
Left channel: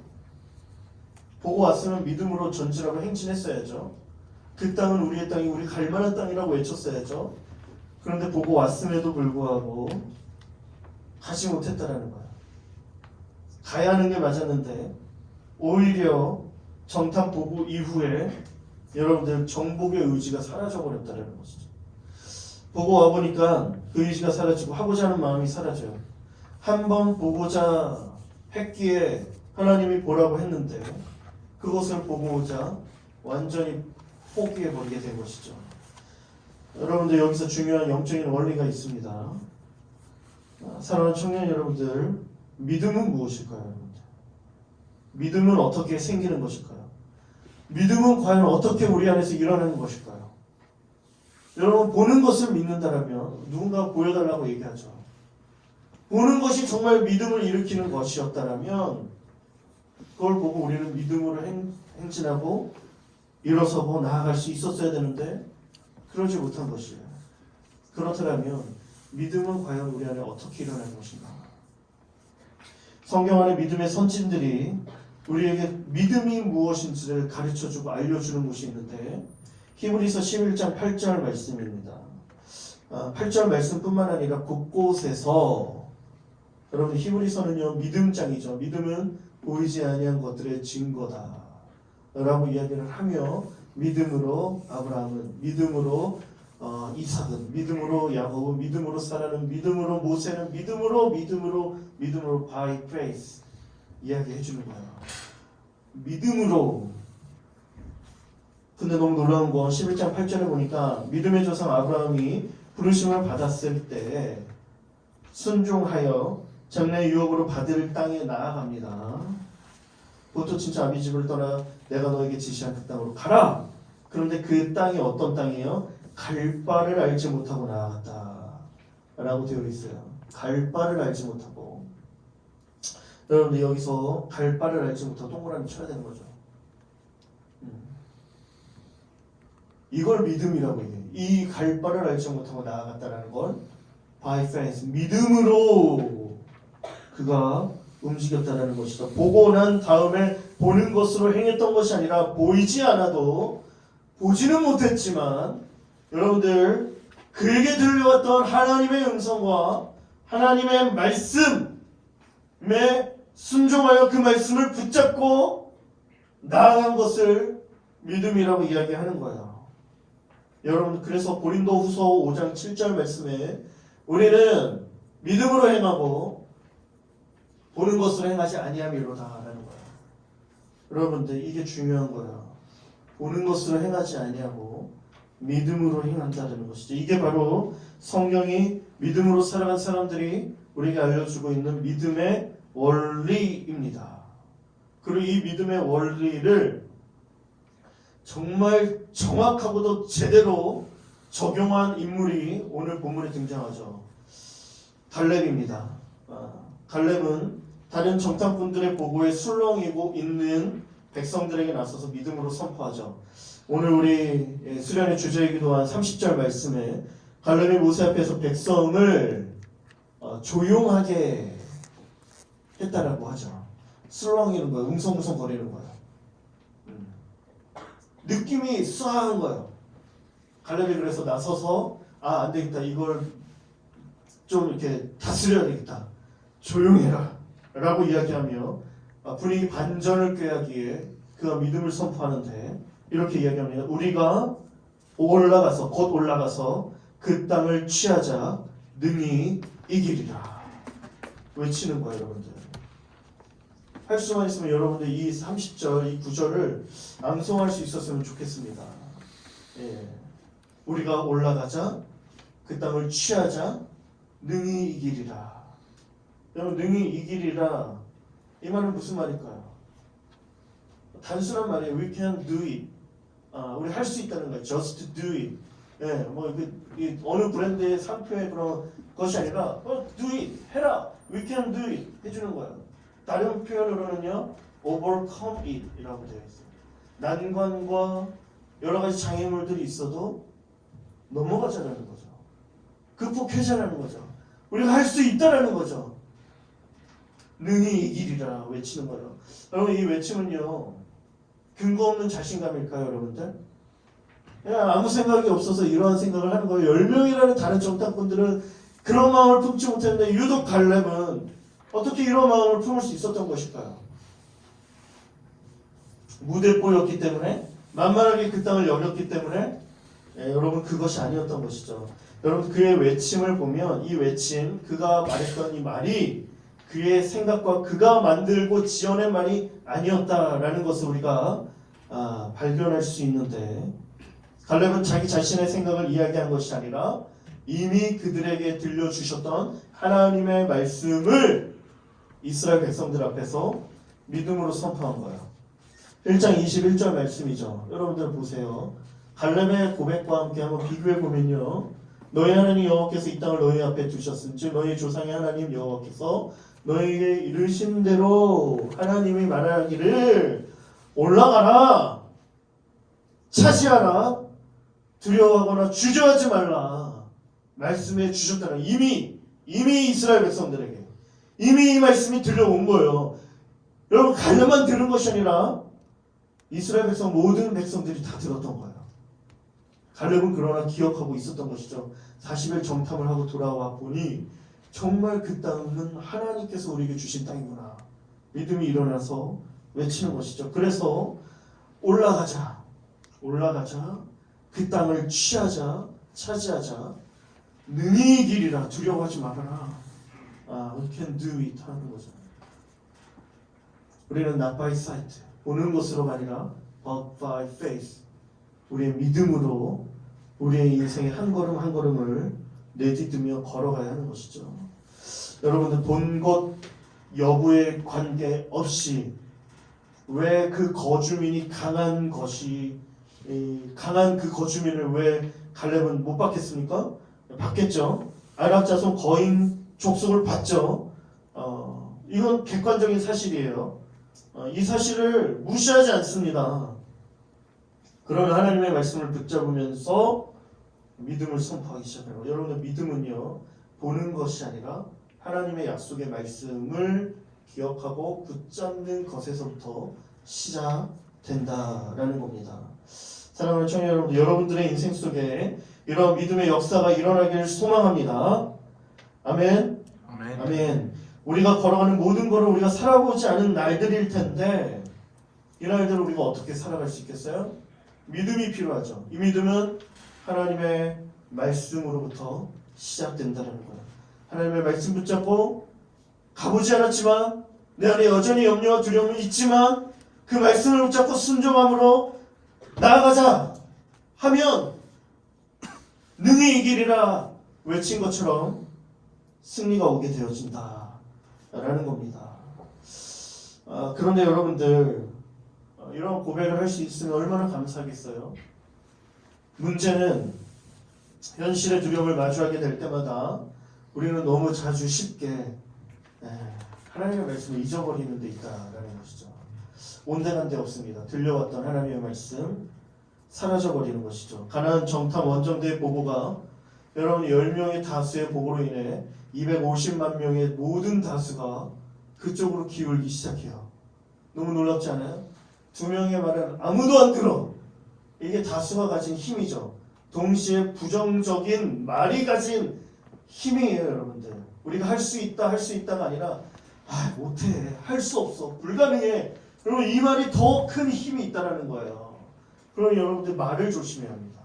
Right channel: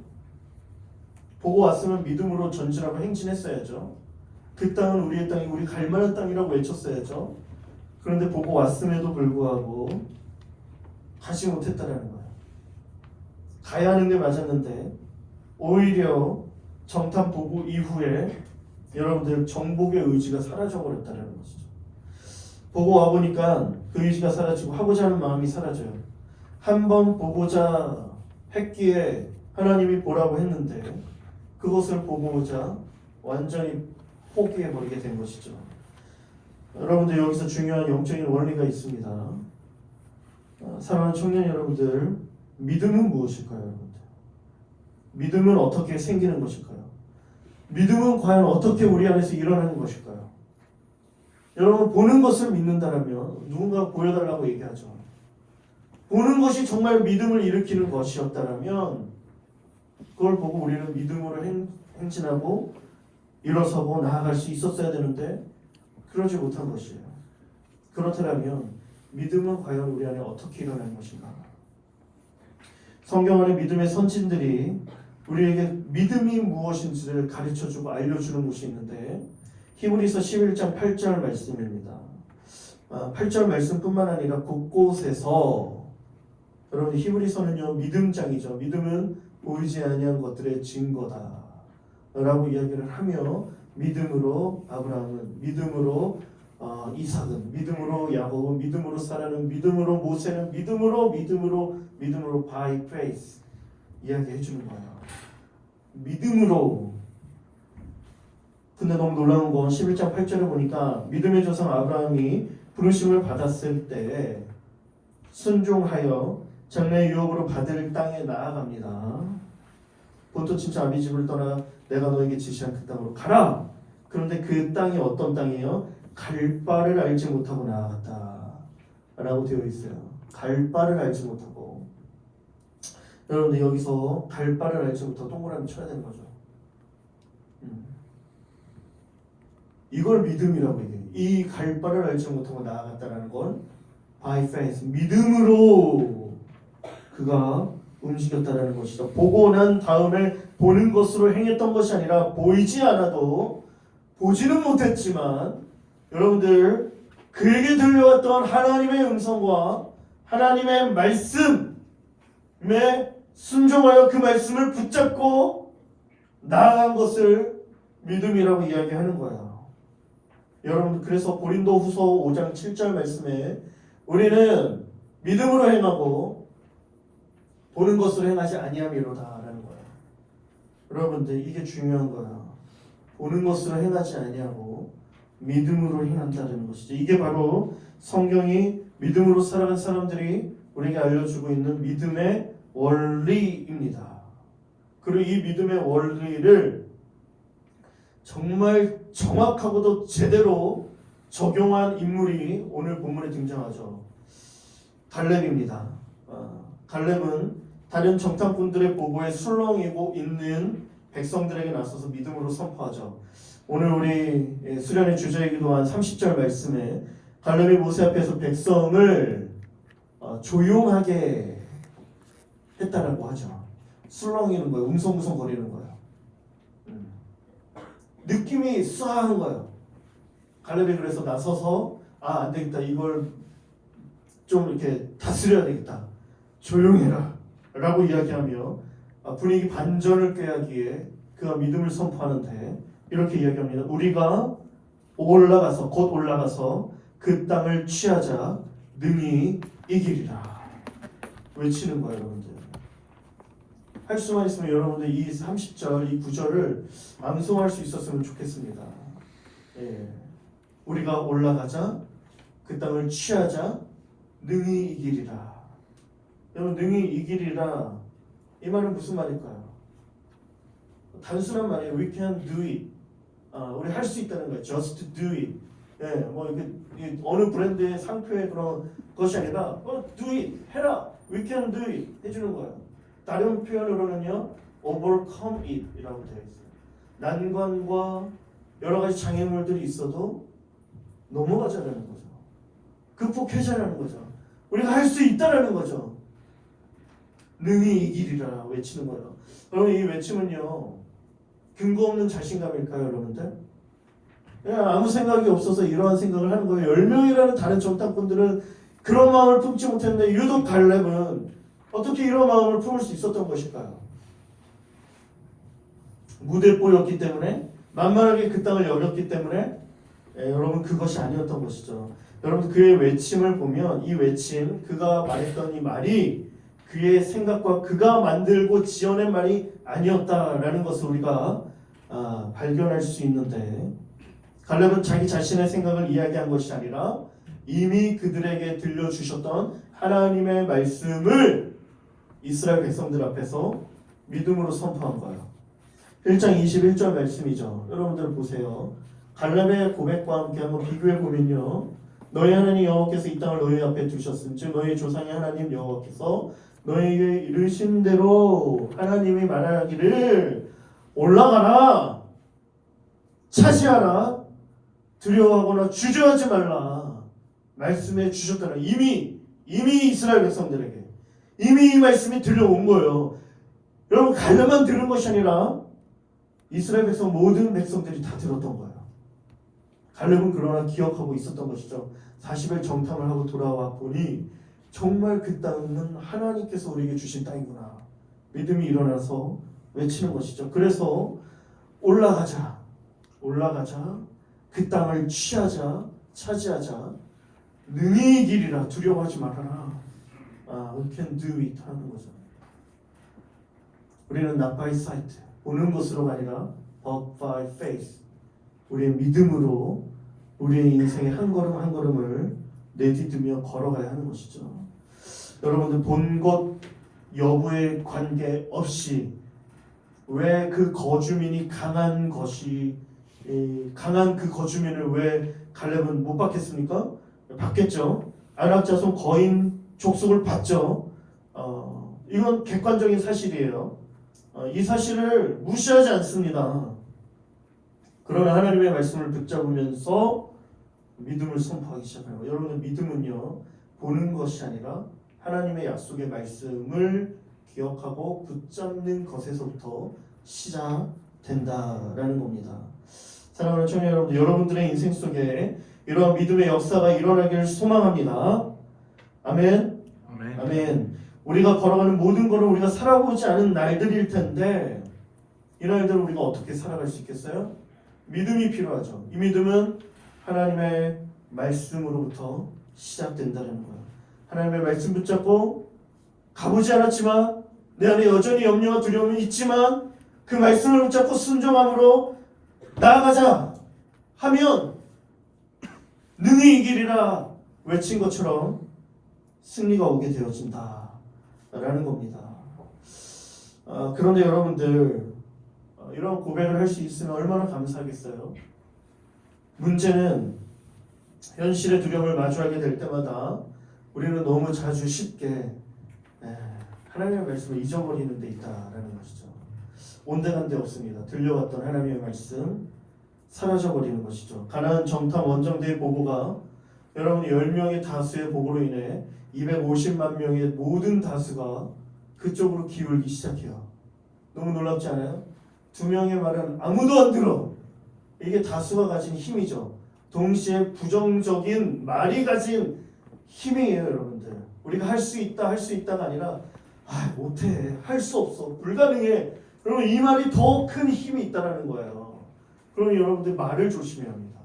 보고 왔으면 믿음으로 전진하고 행진했어야죠. 그 땅은 우리의 땅이 우리 갈만한 땅이라고 외쳤어야죠. 그런데 보고 왔음에도 불구하고 가지 못했다라는 거예요. 가야 하는 게 맞았는데 오히려 정탐 보고 이후에 여러분들 정복의 의지가 사라져버렸다는 것이죠. 보고 와보니까 그 의지가 사라지고 하고자 하는 마음이 사라져요. 한번 보고자 했기에 하나님이 보라고 했는데 그것을 보고 오자 완전히 포기해버리게 된 것이죠. 여러분들 여기서 중요한 영적인 원리가 있습니다. 사랑하는 청년 여러분들, 믿음은 무엇일까요? 여러분들? 믿음은 어떻게 생기는 것일까요? 믿음은 과연 어떻게 우리 안에서 일어나는 것일까요? 여러분 보는 것을 믿는다라면 누군가 보여달라고 얘기하죠. 보는 것이 정말 믿음을 일으키는 것이었다라면 그걸 보고 우리는 믿음으로 행진하고 일어서고 나아갈 수 있었어야 되는데 그러지 못한 것이에요. 그렇다면 믿음은 과연 우리 안에 어떻게 일어나는 것인가? 성경 안에 믿음의 선진들이 우리에게 믿음이 무엇인지를 가르쳐주고 알려주는 곳이 있는데 히브리서 11장 8절 말씀입니다. 8절 말씀뿐만 아니라 곳곳에서 여러분 히브리서는요 믿음장이죠. 믿음은 보이지 아니한 것들의 증거다 라고 이야기를 하며 믿음으로 아브라함은, 믿음으로 이삭은, 믿음으로 야곱은, 믿음으로 사라는, 믿음으로 모세는, 믿음으로 by faith 이야기해 주는 거예요. 믿음으로. 근데 너무 놀라운 건 11장 8절에 보니까 믿음의 조상 아브라함이 부르심을 받았을 때 순종하여 장래의 유업으로 받을 땅에 나아갑니다. 본토 친척 아비 집을 떠나 내가 너에게 지시한 그 땅으로 가라. 그런데 그 땅이 어떤 땅이에요? 갈 바를 알지 못하고 나아갔다 라고 되어 있어요. 갈 바를 알지 못하고. 여러분들 여기서 갈 바를 알지 못하고 동그라미 쳐야 되는 거죠. 이걸 믿음이라고 얘기해요. 이 갈 바를 알지 못하고 나아갔다라는 건 by faith, 믿음으로 그가 움직였다는 것이죠. 보고 난 다음에 보는 것으로 행했던 것이 아니라 보이지 않아도 보지는 못했지만 여러분들 그에게 들려왔던 하나님의 음성과 하나님의 말씀에 순종하여 그 말씀을 붙잡고 나아간 것을 믿음이라고 이야기하는 거예요. 여러분, 그래서 고린도후서 5장 7절 말씀에 우리는 믿음으로 행하고 보는 것으로 행하지 아니함이로다라는 거예요. 여러분들, 이게 중요한 거예요. 보는 것으로 행하지 아니하고 믿음으로 행한다는 것이죠. 이게 바로 성경이 믿음으로 살아간 사람들이 우리에게 알려주고 있는 믿음의 원리입니다. 그리고 이 믿음의 원리를 정말 정확하고도 제대로 적용한 인물이 오늘 본문에 등장하죠. 갈렙입니다. 갈렙은 다른 정탐꾼들의 보고에 술렁이고 있는 백성들에게 나서서 믿음으로 선포하죠. 오늘 우리 수련의 주제이기도 한 30절 말씀에 갈렙이 모세 앞에서 백성을 조용하게 했다라고 하죠. 술렁이는 거예요. 웅성웅성 거리는 거예요. 느낌이 쏴한 거예요. 갈렙이 그래서 나서서 안 되겠다. 이걸 좀 이렇게 다스려야 되겠다. 조용해라 라고 이야기하며 분위기 반전을 꾀하기에 그가 믿음을 선포하는데 이렇게 이야기합니다. 우리가 곧 올라가서 그 땅을 취하자 능히 이기리라. 외치는 거예요, 여러분들. 할 수만 있으면 여러분들 이 30절, 이 9절을 암송할 수 있었으면 좋겠습니다. 우리가 올라가자, 그 땅을 취하자, 능히 이기리라. 여러분, 능히 이기리라, 이 말은 무슨 말일까요? 단순한 말이에요. We can do it. 우리 할 수 있다는 거예요. Just do it. 어느 브랜드의 상표의 그런 것이 아니라 do it, 해라. We can do it 해주는 거예요. 다른 표현으로는요, overcome it 이라고 되어 있어요. 난관과 여러 가지 장애물들이 있어도 넘어가자라는 거죠. 극복하자라는 거죠. 우리가 할 수 있다라는 거죠. 능히 이기리라 외치는 거예요. 여러분, 이 외침은요, 근거 없는 자신감일까요, 여러분들? 그냥 아무 생각이 없어서 이러한 생각을 하는 거예요. 10명이라는 다른 정탐꾼들은 그런 마음을 품지 못했는데 유독 갈렙은 어떻게 이런 마음을 품을 수 있었던 것일까요? 무대뽀였기 때문에, 만만하게 그 땅을 여겼기 때문에, 여러분, 그것이 아니었던 것이죠. 여러분, 그의 외침을 보면 이 외침, 그가 말했던 이 말이 그의 생각과 그가 만들고 지어낸 말이 아니었다라는 것을 우리가 발견할 수 있는데, 갈렙은 자기 자신의 생각을 이야기한 것이 아니라 이미 그들에게 들려주셨던 하나님의 말씀을 이스라엘 백성들 앞에서 믿음으로 선포한 거예요. 1장 21절 말씀이죠. 여러분들 보세요. 갈렙의 고백과 함께 한번 비교해 보면요, 너희 하나님 여호와께서 이 땅을 너희 앞에 두셨은즉 너희 조상의 하나님 여호와께서 너희에게 이르신 대로 하나님이 말하기를 올라가라, 차지하라, 두려워하거나 주저하지 말라 말씀해 주셨다는, 이미 이스라엘 백성들에게 이미 이 말씀이 들려온 거예요. 여러분, 갈렙만 들은 것이 아니라 이스라엘 백성 모든 백성들이 다 들었던 거예요. 갈렙은 그러나 기억하고 있었던 것이죠. 40일 정탐을 하고 돌아와 보니 정말 그 땅은 하나님께서 우리에게 주신 땅이구나. 믿음이 일어나서 외치는 것이죠. 그래서 올라가자, 그 땅을 취하자, 차지하자, 능히 이기리라, 두려워하지 말아라. We can do it 하는 거죠. 우리는 not by sight, 보는 것으로가 아니라 but by faith, 우리의 믿음으로 우리의 인생의 한 걸음 한 걸음을 내디디며 걸어가야 하는 것이죠. 여러분들, 본 것 여부에 관계없이 왜 그 거주민이 강한 그 거주민을 왜 갈렙은 못 받겠습니까? 받겠죠. 아랍 자손 거인 족속을 받죠. 이건 객관적인 사실이에요. 이 사실을 무시하지 않습니다. 그러나 하나님의 말씀을 붙잡으면서 믿음을 선포하기 시작해요. 여러분들, 믿음은요, 보는 것이 아니라 하나님의 약속의 말씀을 기억하고 붙잡는 것에서부터 시작된다라는 겁니다. 사랑하는 청년 여러분들, 여러분들의 인생 속에 이러한 믿음의 역사가 일어나기를 소망합니다. 아멘. 아멘. 아멘. 우리가 걸어가는 모든 것을 우리가 살아보지 않은 날들일 텐데 이 날들을 우리가 어떻게 살아갈 수 있겠어요? 믿음이 필요하죠. 이 믿음은 하나님의 말씀으로부터 시작된다는 거예요. 하나님의 말씀 붙잡고 가보지 않았지만 내 안에 여전히 염려와 두려움이 있지만 그 말씀을 붙잡고 순종함으로 나아가자 하면 능히 이기리라 외친 것처럼 승리가 오게 되어진다 라는 겁니다. 그런데 여러분들 이런 고백을 할 수 있으면 얼마나 감사하겠어요. 문제는 현실의 두려움을 마주하게 될 때마다 우리는 너무 자주 쉽게 하나님의 말씀을 잊어버리는 데 있다라는 것이죠. 온데간데 없습니다. 들려왔던 하나님의 말씀 사라져버리는 것이죠. 가나안 정탐 원정대의 보고가 여러분 10명의 다수의 보고로 인해 250만 명의 모든 다수가 그쪽으로 기울기 시작해요. 너무 놀랍지 않아요? 2명의 말은 아무도 안 들어. 이게 다수가 가진 힘이죠. 동시에 부정적인 말이 가진 힘이에요, 여러분들. 우리가 할 수 있다, 할 수 있다가 아니라 못해, 할 수 없어, 불가능해. 여러분 이 말이 더 큰 힘이 있다는 거예요. 그럼 여러분들 말을 조심해야 합니다.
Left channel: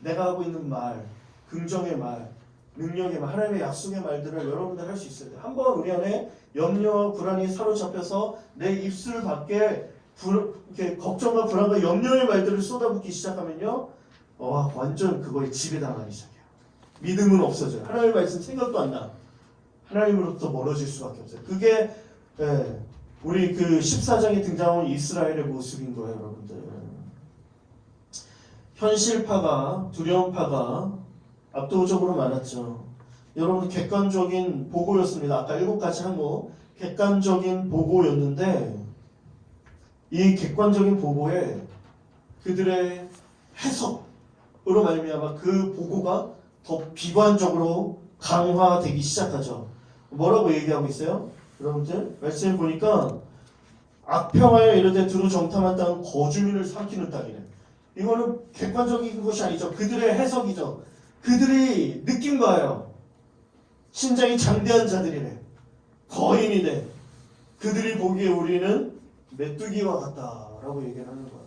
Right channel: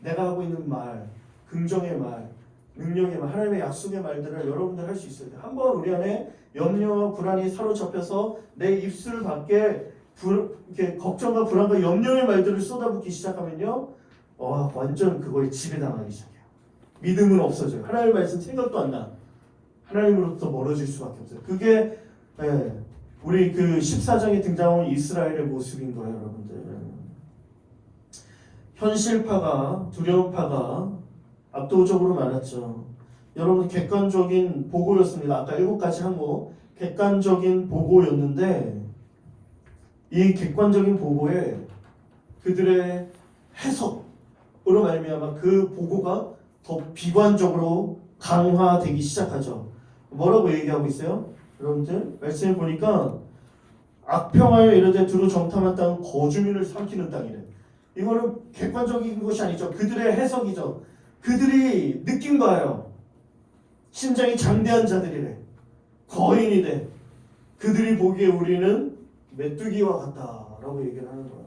내가 하고 있는 말, 긍정의 말, 능력의 말, 하나님의 약속의 말들을 여러분들 할 수 있어야 돼요. 한번 우리 안에 염려와 불안이 사로잡혀서 내 입술 밖에 이렇게 걱정과 불안과 염려의 말들을 쏟아붓기 시작하면요, 완전 그거에 지배당하기 시작해요. 믿음은 없어져요. 하나님의 말씀 생각도 안 나. 하나님으로부터 멀어질 수밖에 없어요. 그게 우리 그 14장에 등장한 이스라엘의 모습인 거예요, 여러분들. 현실파가, 두려움파가 압도적으로 많았죠. 여러분 객관적인 보고였습니다. 아까 7가지 항목 객관적인 보고였는데 이 객관적인 보고에 그들의 해석으로 말미암아 그 보고가 더 비관적으로 강화되기 시작하죠. 뭐라고 얘기하고 있어요? 여러분들 말씀을 보니까 악평하여 이르되 두루 정탐한 땅은 거주민을 삼키는 땅이래. 이거는 객관적인 것이 아니죠. 그들의 해석이죠. 그들이 느낀 거예요. 심장이 장대한 자들이래. 거인이래. 그들이 보기에 우리는 메뚜기와 같다라고 얘기를 하는 거야.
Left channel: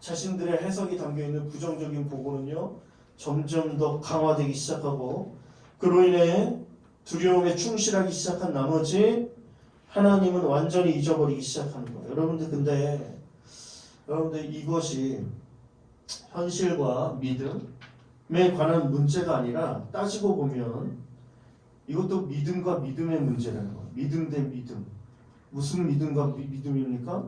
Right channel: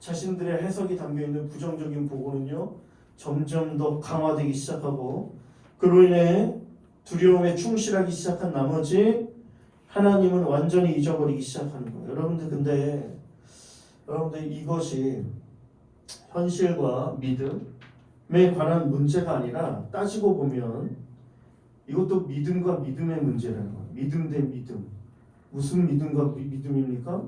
자신들의 해석이 담겨있는 부정적인 보고는요 점점 더 강화되기 시작하고 그로 인해 두려움에 충실하기 시작한 나머지 하나님은 완전히 잊어버리기 시작하는 거예요. 여러분들 이것이 현실과 믿음에 관한 문제가 아니라 따지고 보면 이것도 믿음과 믿음의 문제라는 거예요. 믿음 대 믿음. 무슨 믿음과 믿음입니까?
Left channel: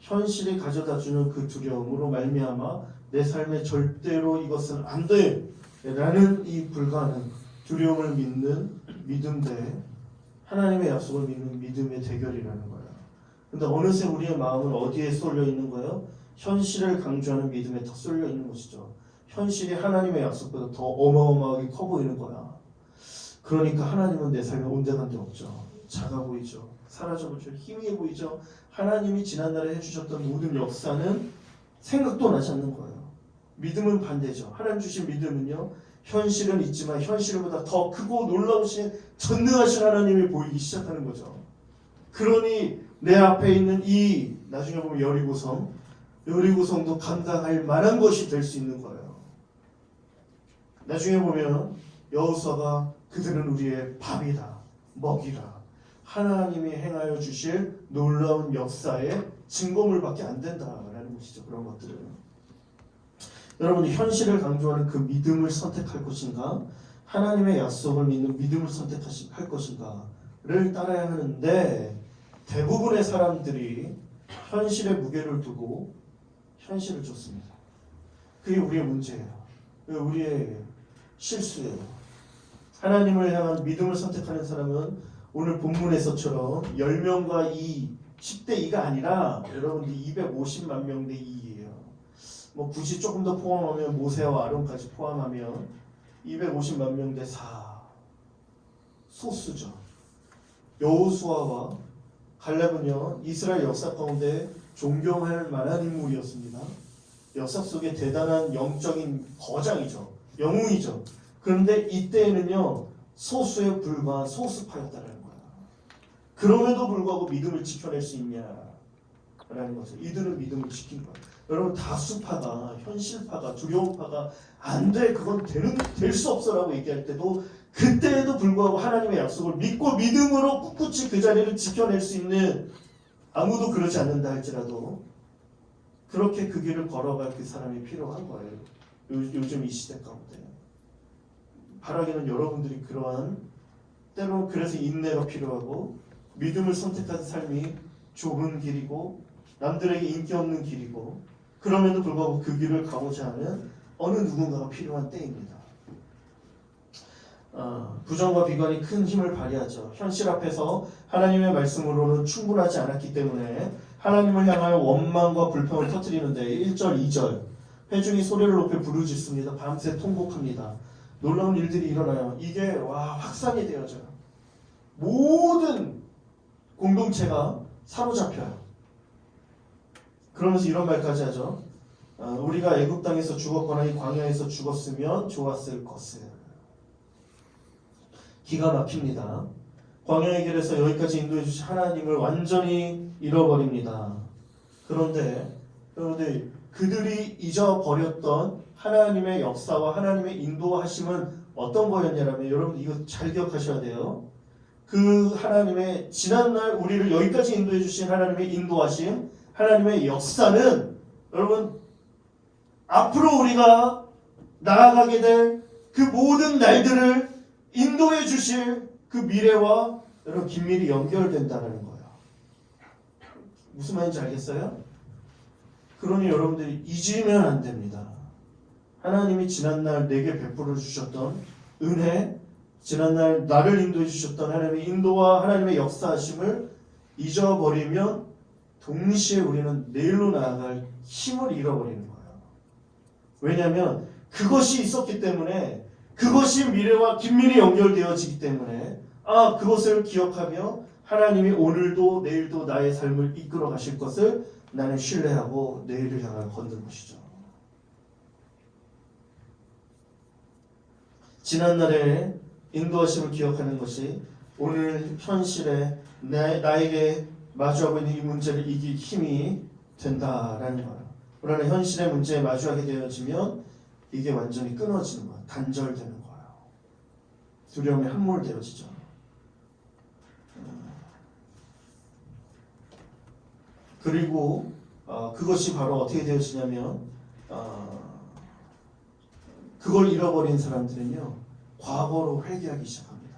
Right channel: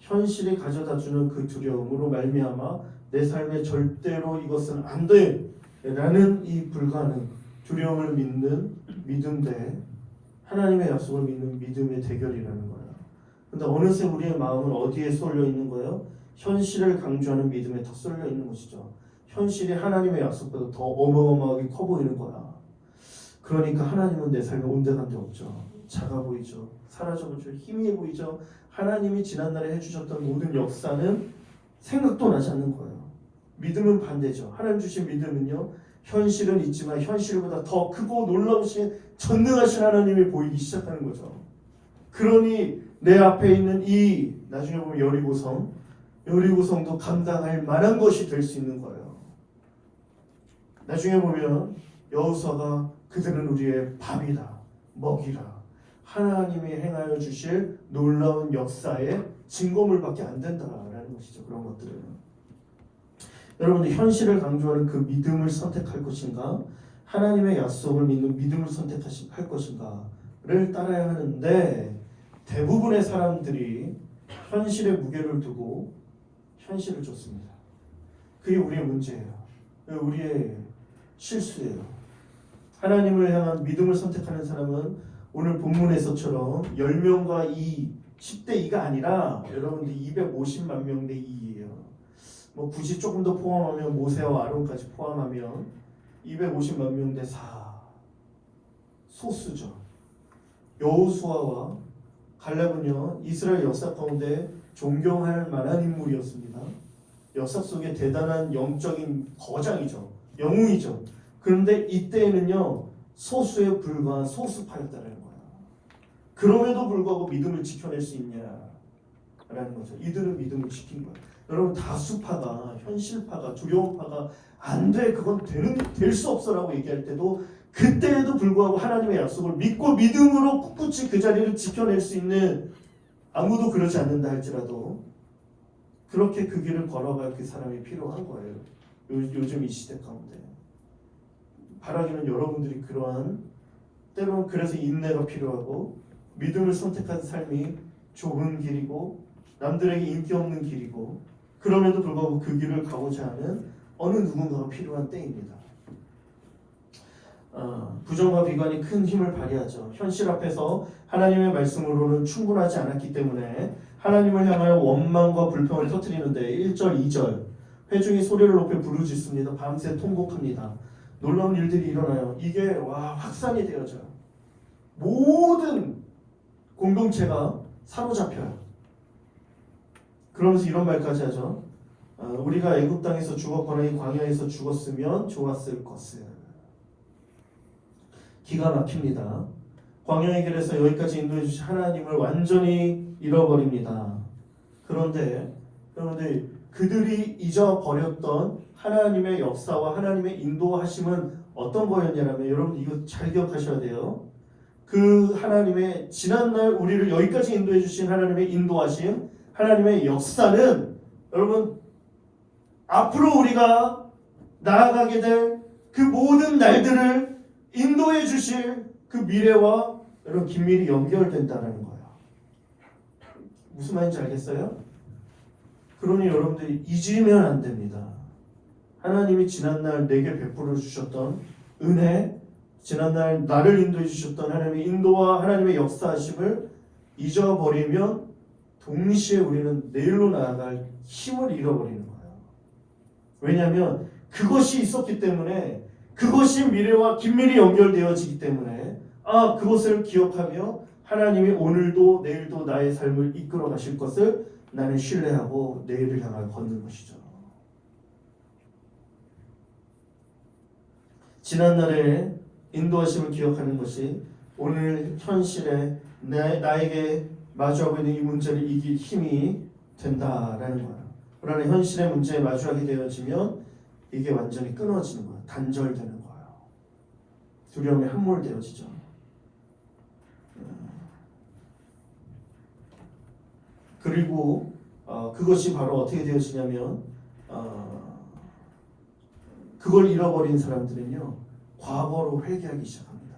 현실이 가져다주는 그 두려움으로 말미암아 내 삶에 절대로 이것은 안 돼 라는 이 불가능, 두려움을 믿는 믿음 대 하나님의 약속을 믿는 믿음의 대결이라는 거예요. 근데 어느새 우리의 마음은 어디에 쏠려 있는 거예요? 현실을 강조하는 믿음에 더 쏠려 있는 것이죠. 현실이 하나님의 약속보다 더 어마어마하게 커 보이는 거야. 그러니까 하나님은 내 삶에 온데간데 없죠. 작아 보이죠. 사라져버리죠. 희미해 보이죠. 하나님이 지난날에 해주셨던 모든 역사는 생각도 나지 않는 거예요. 믿음은 반대죠. 하나님 주신 믿음은요, 현실은 있지만 현실보다 더 크고 놀라우신 전능하신 하나님이 보이기 시작하는 거죠. 그러니 내 앞에 있는 이 나중에 보면 여리고성도 감당할 만한 것이 될 수 있는 거예요. 나중에 보면 여호수아가 그들은 우리의 밥이다, 먹이라, 하나님이 행하여 주실 놀라운 역사의 증거물밖에 안 된다라는 것이죠. 그런 것들은 여러분이 현실을 강조하는 그 믿음을 선택할 것인가, 하나님의 약속을 믿는 믿음을 선택할 것인가를 따라야 하는데 대부분의 사람들이 현실의 무게를 두고 현실을 쫓습니다. 그게 우리의 문제예요. 그게 우리의 실수예요. 하나님을 향한 믿음을 선택하는 사람은 오늘 본문에서처럼 10명과 10대 2가 아니라 여러분들 250만 명 대 2예요. 뭐 굳이 조금 더 포함하면 모세와 아론까지 포함하면 250만 명 대 4. 소수죠. 여호수아와 갈렙은요 이스라엘 역사 가운데 존경할 만한 인물이었습니다. 역사 속에 대단한 영적인 거장이죠. 영웅이죠. 그런데 이때에는요 소수에 불과한 소수파였다는 거야. 그럼에도 불구하고 믿음을 지켜낼 수 있냐라는 거죠. 이들은 믿음을 지킨 거예요. 여러분 다수파가 현실파가 두려움파가 안 돼, 그건 될 수 없어라고 얘기할 때도 그때에도 불구하고 하나님의 약속을 믿고 믿음으로 꿋꿋이 그 자리를 지켜낼 수 있는, 아무도 그러지 않는다 할지라도 그렇게 그 길을 걸어갈 그 사람이 필요한 거예요. 요즘 이 시대 가운데 바라기는 여러분들이 그러한, 때로는 그래서 인내가 필요하고 믿음을 선택한 삶이 좁은 길이고 남들에게 인기 없는 길이고, 그럼에도 불구하고 그 길을 가고자 하는 어느 누군가가 필요한 때입니다. 부정과 비관이 큰 힘을 발휘하죠. 현실 앞에서 하나님의 말씀으로는 충분하지 않았기 때문에 하나님을 향하여 원망과 불평을 터뜨리는데 1절, 2절 회중이 소리를 높여 부르짖습니다. 밤새 통곡합니다. 놀라운 일들이 일어나요. 이게 확산이 되어져요. 모든 공동체가 사로잡혀요. 그러면서 이런 말까지 하죠. 우리가 애굽 땅에서 죽었거나 이 광야에서 죽었으면 좋았을 것을. 기가 막힙니다. 광야의 길에서 여기까지 인도해 주신 하나님을 완전히 잃어버립니다. 그런데 여러분들, 그들이 잊어버렸던 하나님의 역사와 하나님의 인도하심은 어떤 거였냐면, 여러분 이거 잘 기억하셔야 돼요. 그 하나님의 지난날 우리를 여기까지 인도해 주신 하나님의 인도하심, 하나님의 역사는 여러분 앞으로 우리가 나아가게 될 그 모든 날들을 인도해 주실 그 미래와 여러분 긴밀히 연결된다는 거예요. 무슨 말인지 알겠어요? 그러니 여러분들이 잊으면 안 됩니다. 하나님이 지난날 내게 베풀어 주셨던 은혜, 지난날 나를 인도해 주셨던 하나님의 인도와 하나님의 역사하심을 잊어버리면 동시에 우리는 내일로 나아갈 힘을 잃어버리는 거예요. 왜냐하면 그것이 있었기 때문에, 그것이 미래와 긴밀히 연결되어지기 때문에 그것을 기억하며 하나님이 오늘도 내일도 나의 삶을 이끌어 가실 것을 나는 신뢰하고 내일을 향해 걷는 것이죠. 지난날의 인도하심을 기억하는 것이 오늘 현실에 나에게 마주하고 있는 이 문제를 이길 힘이 된다라는 거예요. 그러나 현실의 문제에 마주하게 되어지면 이게 완전히 끊어지는 거예요. 단절되는 거예요. 두려움에 함몰되어지죠. 그리고 그것이 바로 어떻게 되어지냐면, 그걸 잃어버린 사람들은요, 과거로 회개하기 시작합니다.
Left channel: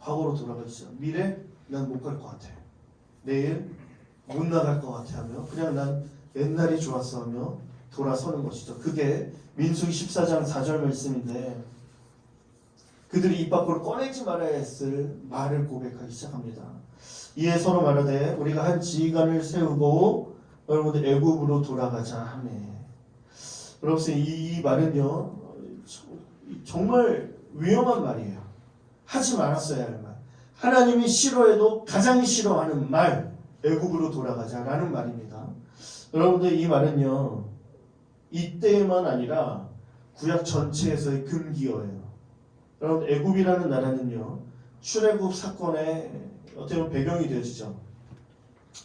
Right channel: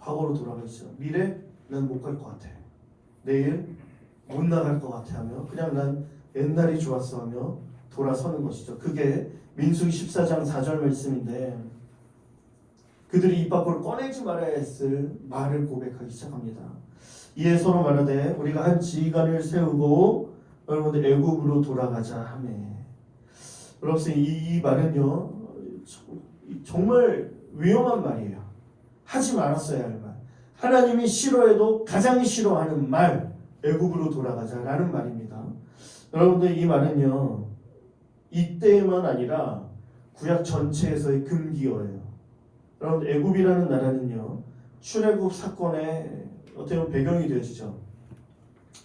과거로 돌아가기 시작. 미래 난 못 갈 것 같아. 내일 못 나갈 것 같아 하며 그냥 난 옛날이 좋았어 하며 돌아서는 것이죠. 그게 민수기 14장 4절 말씀인데, 그들이 입 밖으로 꺼내지 말아야 했을 말을 고백하기 시작합니다. 이에 서로 말하되 우리가 한 지휘관을 세우고 여러분들 애굽으로 돌아가자 하며. 여러분 이 말은요 정말 위험한 말이에요. 하지 말았어야 할 말. 하나님이 싫어해도 가장 싫어하는 말, 애굽으로 돌아가자라는 말입니다. 여러분들 이 말은요 이때만 아니라 구약 전체에서의 금기어예요. 여러분 애굽이라는 나라는요 출애굽 사건의 어떻게 보면 배경이 되어지죠.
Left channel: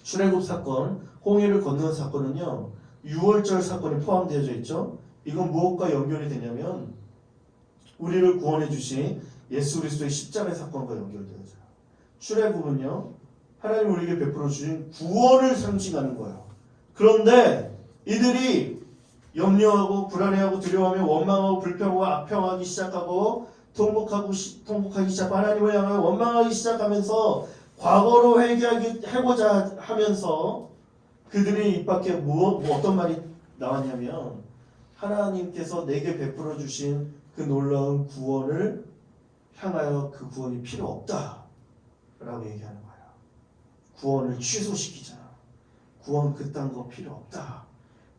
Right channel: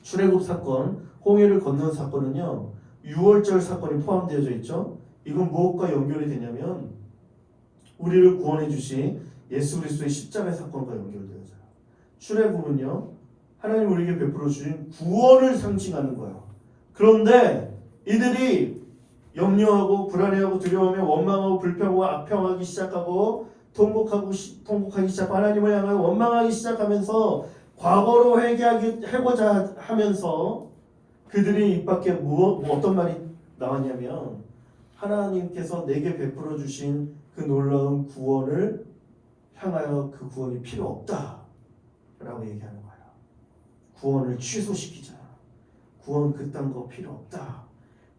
출애굽 사건, 홍해를 건너는 사건은요 6월절 사건이 포함되어져 있죠. 이건 무엇과 연결이 되냐면 우리를 구원해 주신 예수 그리스도의 십자가의 사건과 연결되어져요. 출애굽은요 하나님 우리에게 베풀어 주신 구원을 상징하는 거예요. 그런데 이들이 염려하고 불안해하고 두려워하며 원망하고 불평하고 악평하기 시작하고 통곡하기 시작하고 하나님을 향하여 원망하기 시작하면서 과거로 회개하고자 하면서 그들의 입 밖에 어떤 말이 나왔냐면, 하나님께서 내게 베풀어 주신 그 놀라운 구원을 향하여 그 구원이 필요 없다 라고 얘기하는 거예요. 구원을 취소시키자. 구원 그딴 거 필요 없다.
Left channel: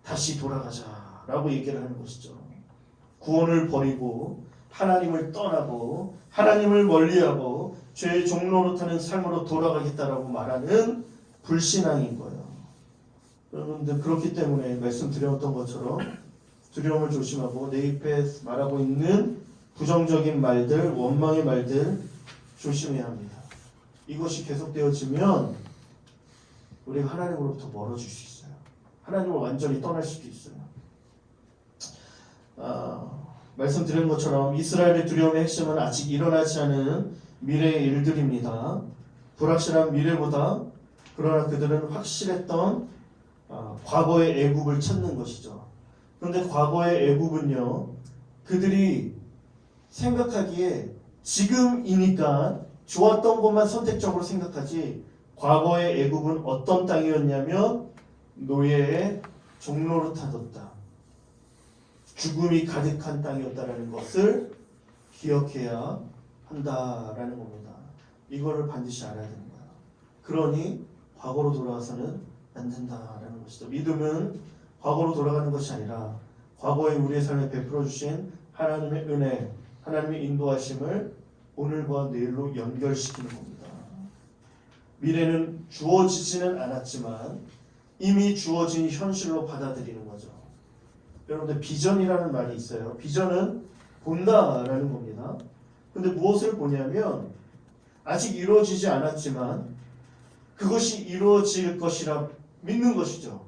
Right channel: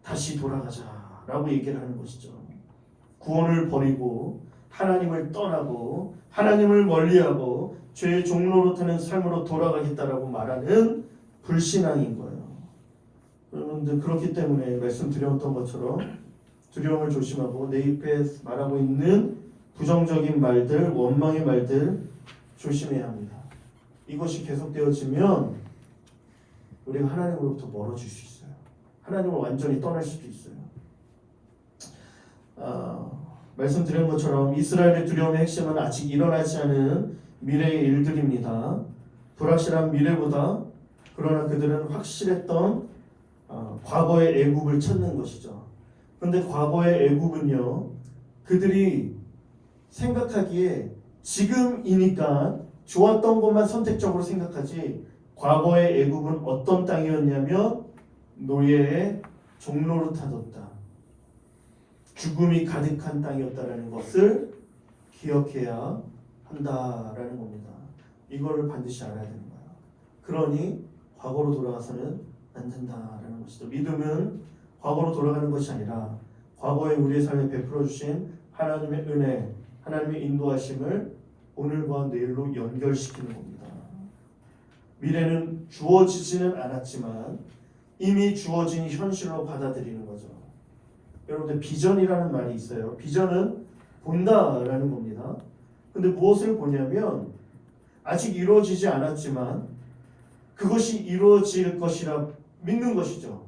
다시 돌아가자 라고 얘기를 하는 것이죠. 구원을 버리고 하나님을 떠나고 하나님을 멀리하고 죄의 종로릇하는 삶으로 돌아가겠다라고 말하는 불신앙인 거예요. 여러분들 그렇기 때문에 말씀드렸던 것처럼 두려움을 조심하고 내 입에 말하고 있는 부정적인 말들, 원망의 말들 조심해야 합니다. 이것이 계속되어지면 우리가 하나님으로부터 멀어질 수 있어요. 하나님을 완전히 떠날 수도 있어요. 말씀드린 것처럼 이스라엘의 두려움의 핵심은 아직 일어나지 않은 미래의 일들입니다. 불확실한 미래보다 그러나 그들은 확실했던 과거의 애굽을 찾는 것이죠. 그런데 과거의 애굽은요, 그들이 생각하기에 지금이니까 좋았던 것만 선택적으로 생각하지, 과거의 애굽은 어떤 땅이었냐면 노예의 종로로 타뒀다, 죽음이 가득한 땅이었다라는 것을 기억해야 한다라는 겁니다. 이거를 반드시 알아야 되는 거예요. 그러니 과거로 돌아가서는 안 된다라는 것이죠. 믿음은 과거로 돌아가는 것이 아니라 과거에 우리의 삶에 베풀어 주신 하나님의 은혜, 하나님의 인도하심을 오늘과 내일로 연결시키는 겁니다. 미래는 주어지지는 않았지만 이미 주어진 현실로 받아들이는 거죠. 여러분들, 비전이라는 말이 있어요. 비전은 본다라는 겁니다. 근데 무엇을 보냐면 아직 이루어지지 않았지만 그것이 이루어질 것이라 믿는 것이죠.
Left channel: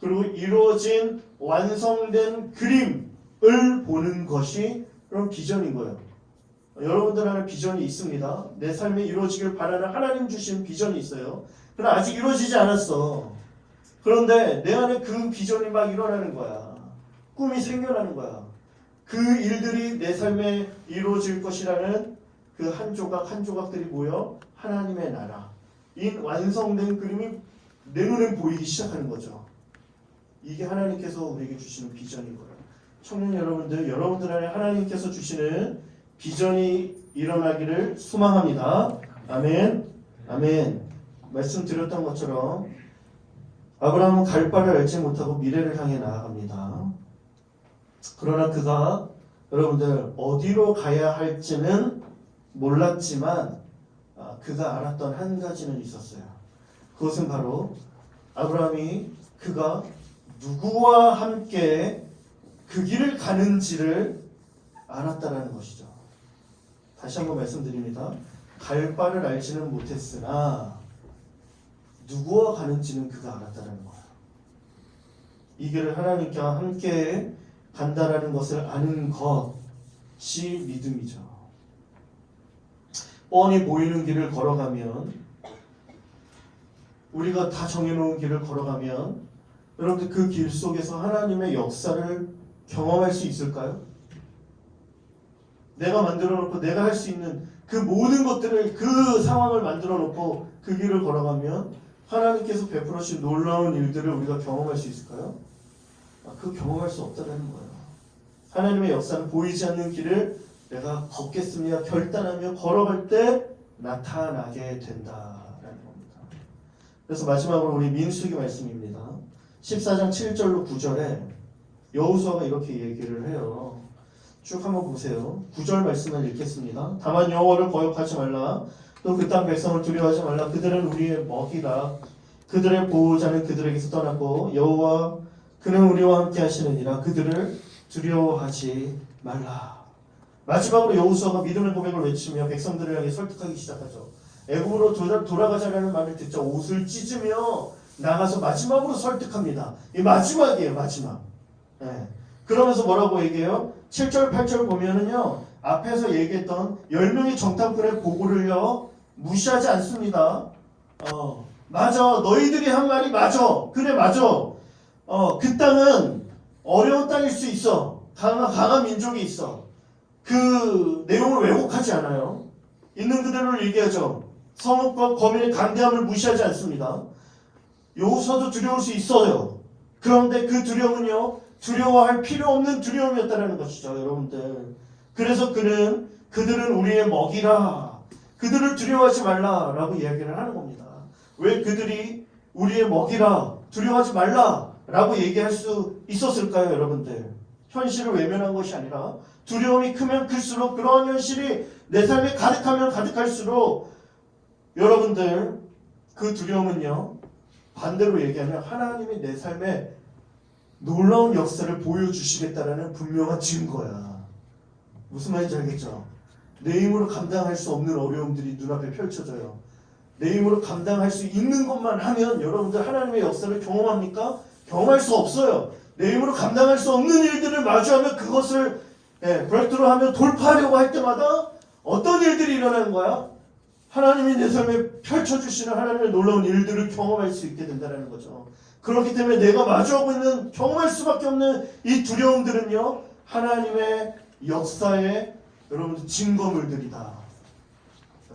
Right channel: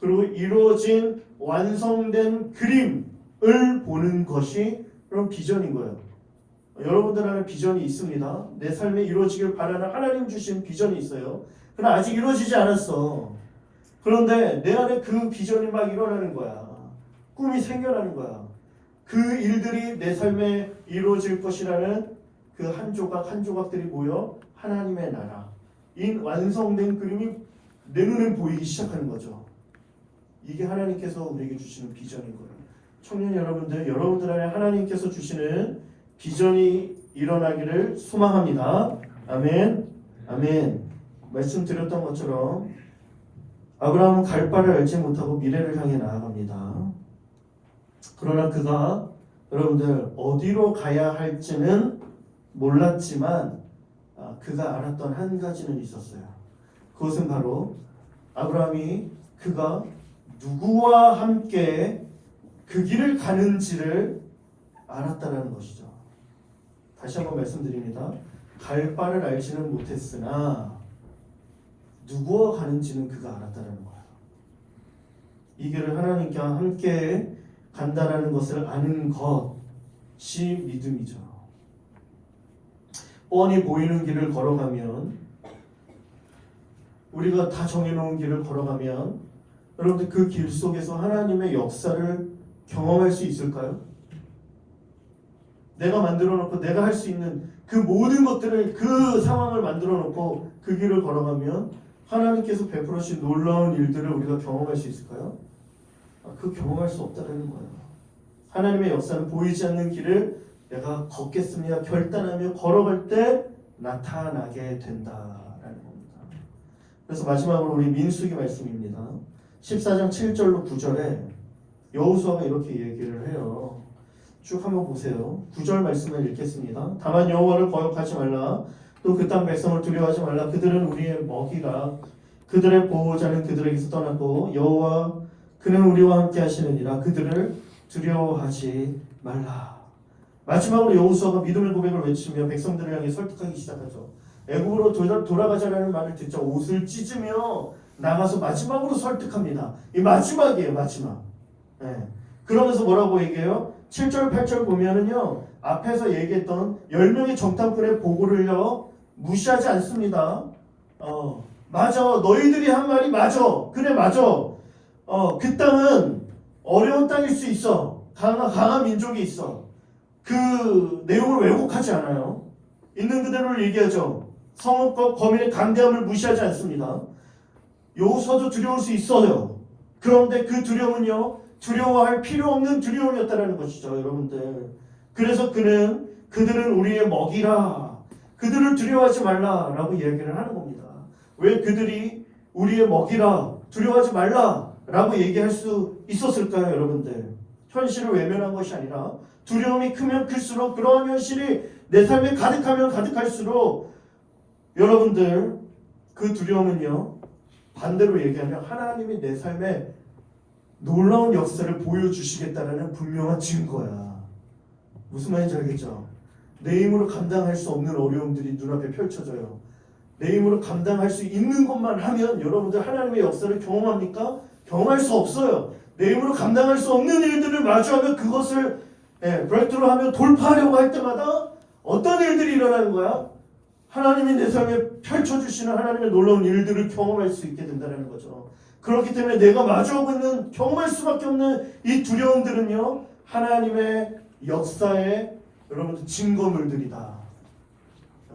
그리고 이루어진 완성된 그림을 보는 것이 그런 비전인 거예요. 여러분들 안에 비전이 있습니다. 내 삶에 이루어지길 바라는 하나님 주신 비전이 있어요. 그러나 아직 이루어지지 않았어. 그런데 내 안에 그 비전이 막 일어나는 거야. 꿈이 생겨나는 거야. 그 일들이 내 삶에 이루어질 것이라는 그 한 조각 한 조각들이 모여 하나님의 나라, 이 완성된 그림이 내 눈에 보이기 시작하는 거죠. 이게 하나님께서 우리에게 주시는 비전인 거예요. 청년 여러분들, 여러분들 안에 하나님께서 주시는 비전이 일어나기를 소망합니다. 아멘. 아멘. 말씀드렸던 것처럼 아브라함은 갈 바를 알지 못하고 미래를 향해 나아갑니다. 그러나 그가 여러분들 어디로 가야 할지는 몰랐지만 그가 알았던 한 가지는 있었어요. 그것은 바로 아브라함이 그가 누구와 함께 그 길을 가는지를 알았다라는 것이죠. 다시 한번 말씀드립니다. 갈 바를 알지는 못했으나 누구와 가는지는 그가 알았다는 거예요. 이 길을 하나님과 함께 간다라는 것을 아는 것이 믿음이죠. 뻔히 보이는 길을 걸어가면, 우리가 다 정해놓은 길을 걸어가면 여러분들 그 길 속에서 하나님의 역사를 경험할 수 있을까요? 내가 만들어 놓고 내가 할 수 있는 그 모든 것들을, 그 상황을 만들어 놓고 그 길을 걸어가면 하나님께서 베풀어 주신 놀라운 일들을 우리가 경험할 수 있을까요? 그 경험할 수 없다는 거예요. 하나님의 역사는 보이지 않는 길을 내가 걷겠습니다 결단하며 걸어갈 때 나타나게 된다라는 겁니다. 그래서 마지막으로 우리 민수기 말씀입니다. 14장 7절로 9절에 여호수아가 이렇게 얘기를 해요. 쭉 한번 보세요. 9절 말씀을 읽겠습니다. 다만 여호와를 거역하지 말라. 또 그 땅 백성을 두려워하지 말라. 그들은 우리의 먹이라. 그들의 보호자는 그들에게서 떠났고 여호와 그는 우리와 함께 하시느니라. 그들을 두려워하지 말라. 마지막으로 여호수아가 믿음의 고백을 외치며 백성들을 향해 설득하기 시작하죠. 애굽으로 돌아가자라는 말을 듣자 옷을 찢으며 나가서 마지막으로 설득합니다. 이 마지막이에요, 마지막. 네. 그러면서 뭐라고 얘기해요? 7절, 8절 보면은요, 앞에서 얘기했던 10명의 정탐꾼의 보고를요, 무시하지 않습니다. 맞아. 너희들이 한 말이 맞아. 그래, 맞아. 그 땅은 어려운 땅일 수 있어. 강한 민족이 있어. 그 내용을 왜곡하지 않아요. 있는 그대로 얘기하죠. 성읍과 거민의 강대함을 무시하지 않습니다. 여호수아도 두려울 수 있어요. 그런데 그 두려움은요, 두려워할 필요 없는 두려움이었다는 것이죠, 여러분들. 그래서 그들은 우리의 먹이라. 그들을 두려워하지 말라라고 이야기를 하는 겁니다. 왜 그들이 우리의 먹이라, 두려워하지 말라라고 얘기할 수 있었을까요, 여러분들? 현실을 외면한 것이 아니라 두려움이 크면 클수록, 그러한 현실이 내 삶에 가득하면 가득할수록 여러분들 그 두려움은요, 반대로 얘기하면 하나님이 내 삶에 놀라운 역사를 보여주시겠다는 분명한 증거야. 무슨 말인지 알겠죠? 내 힘으로 감당할 수 없는 어려움들이 눈앞에 펼쳐져요. 내 힘으로 감당할 수 있는 것만 하면 여러분들 하나님의 역사를 경험합니까? 경험할 수 없어요. 내 힘으로 감당할 수 없는 일들을 마주하면 그것을 브레이크트루하며 돌파하려고 할 때마다 어떤 일들이 일어나는 거야? 하나님이 내 삶에 펼쳐주시는 하나님의 놀라운 일들을 경험할 수 있게 된다는 거죠. 그렇기 때문에 내가 마주하고 있는 경험할 수밖에 없는 이 두려움들은요, 하나님의 역사의 여러분들 증거물들이다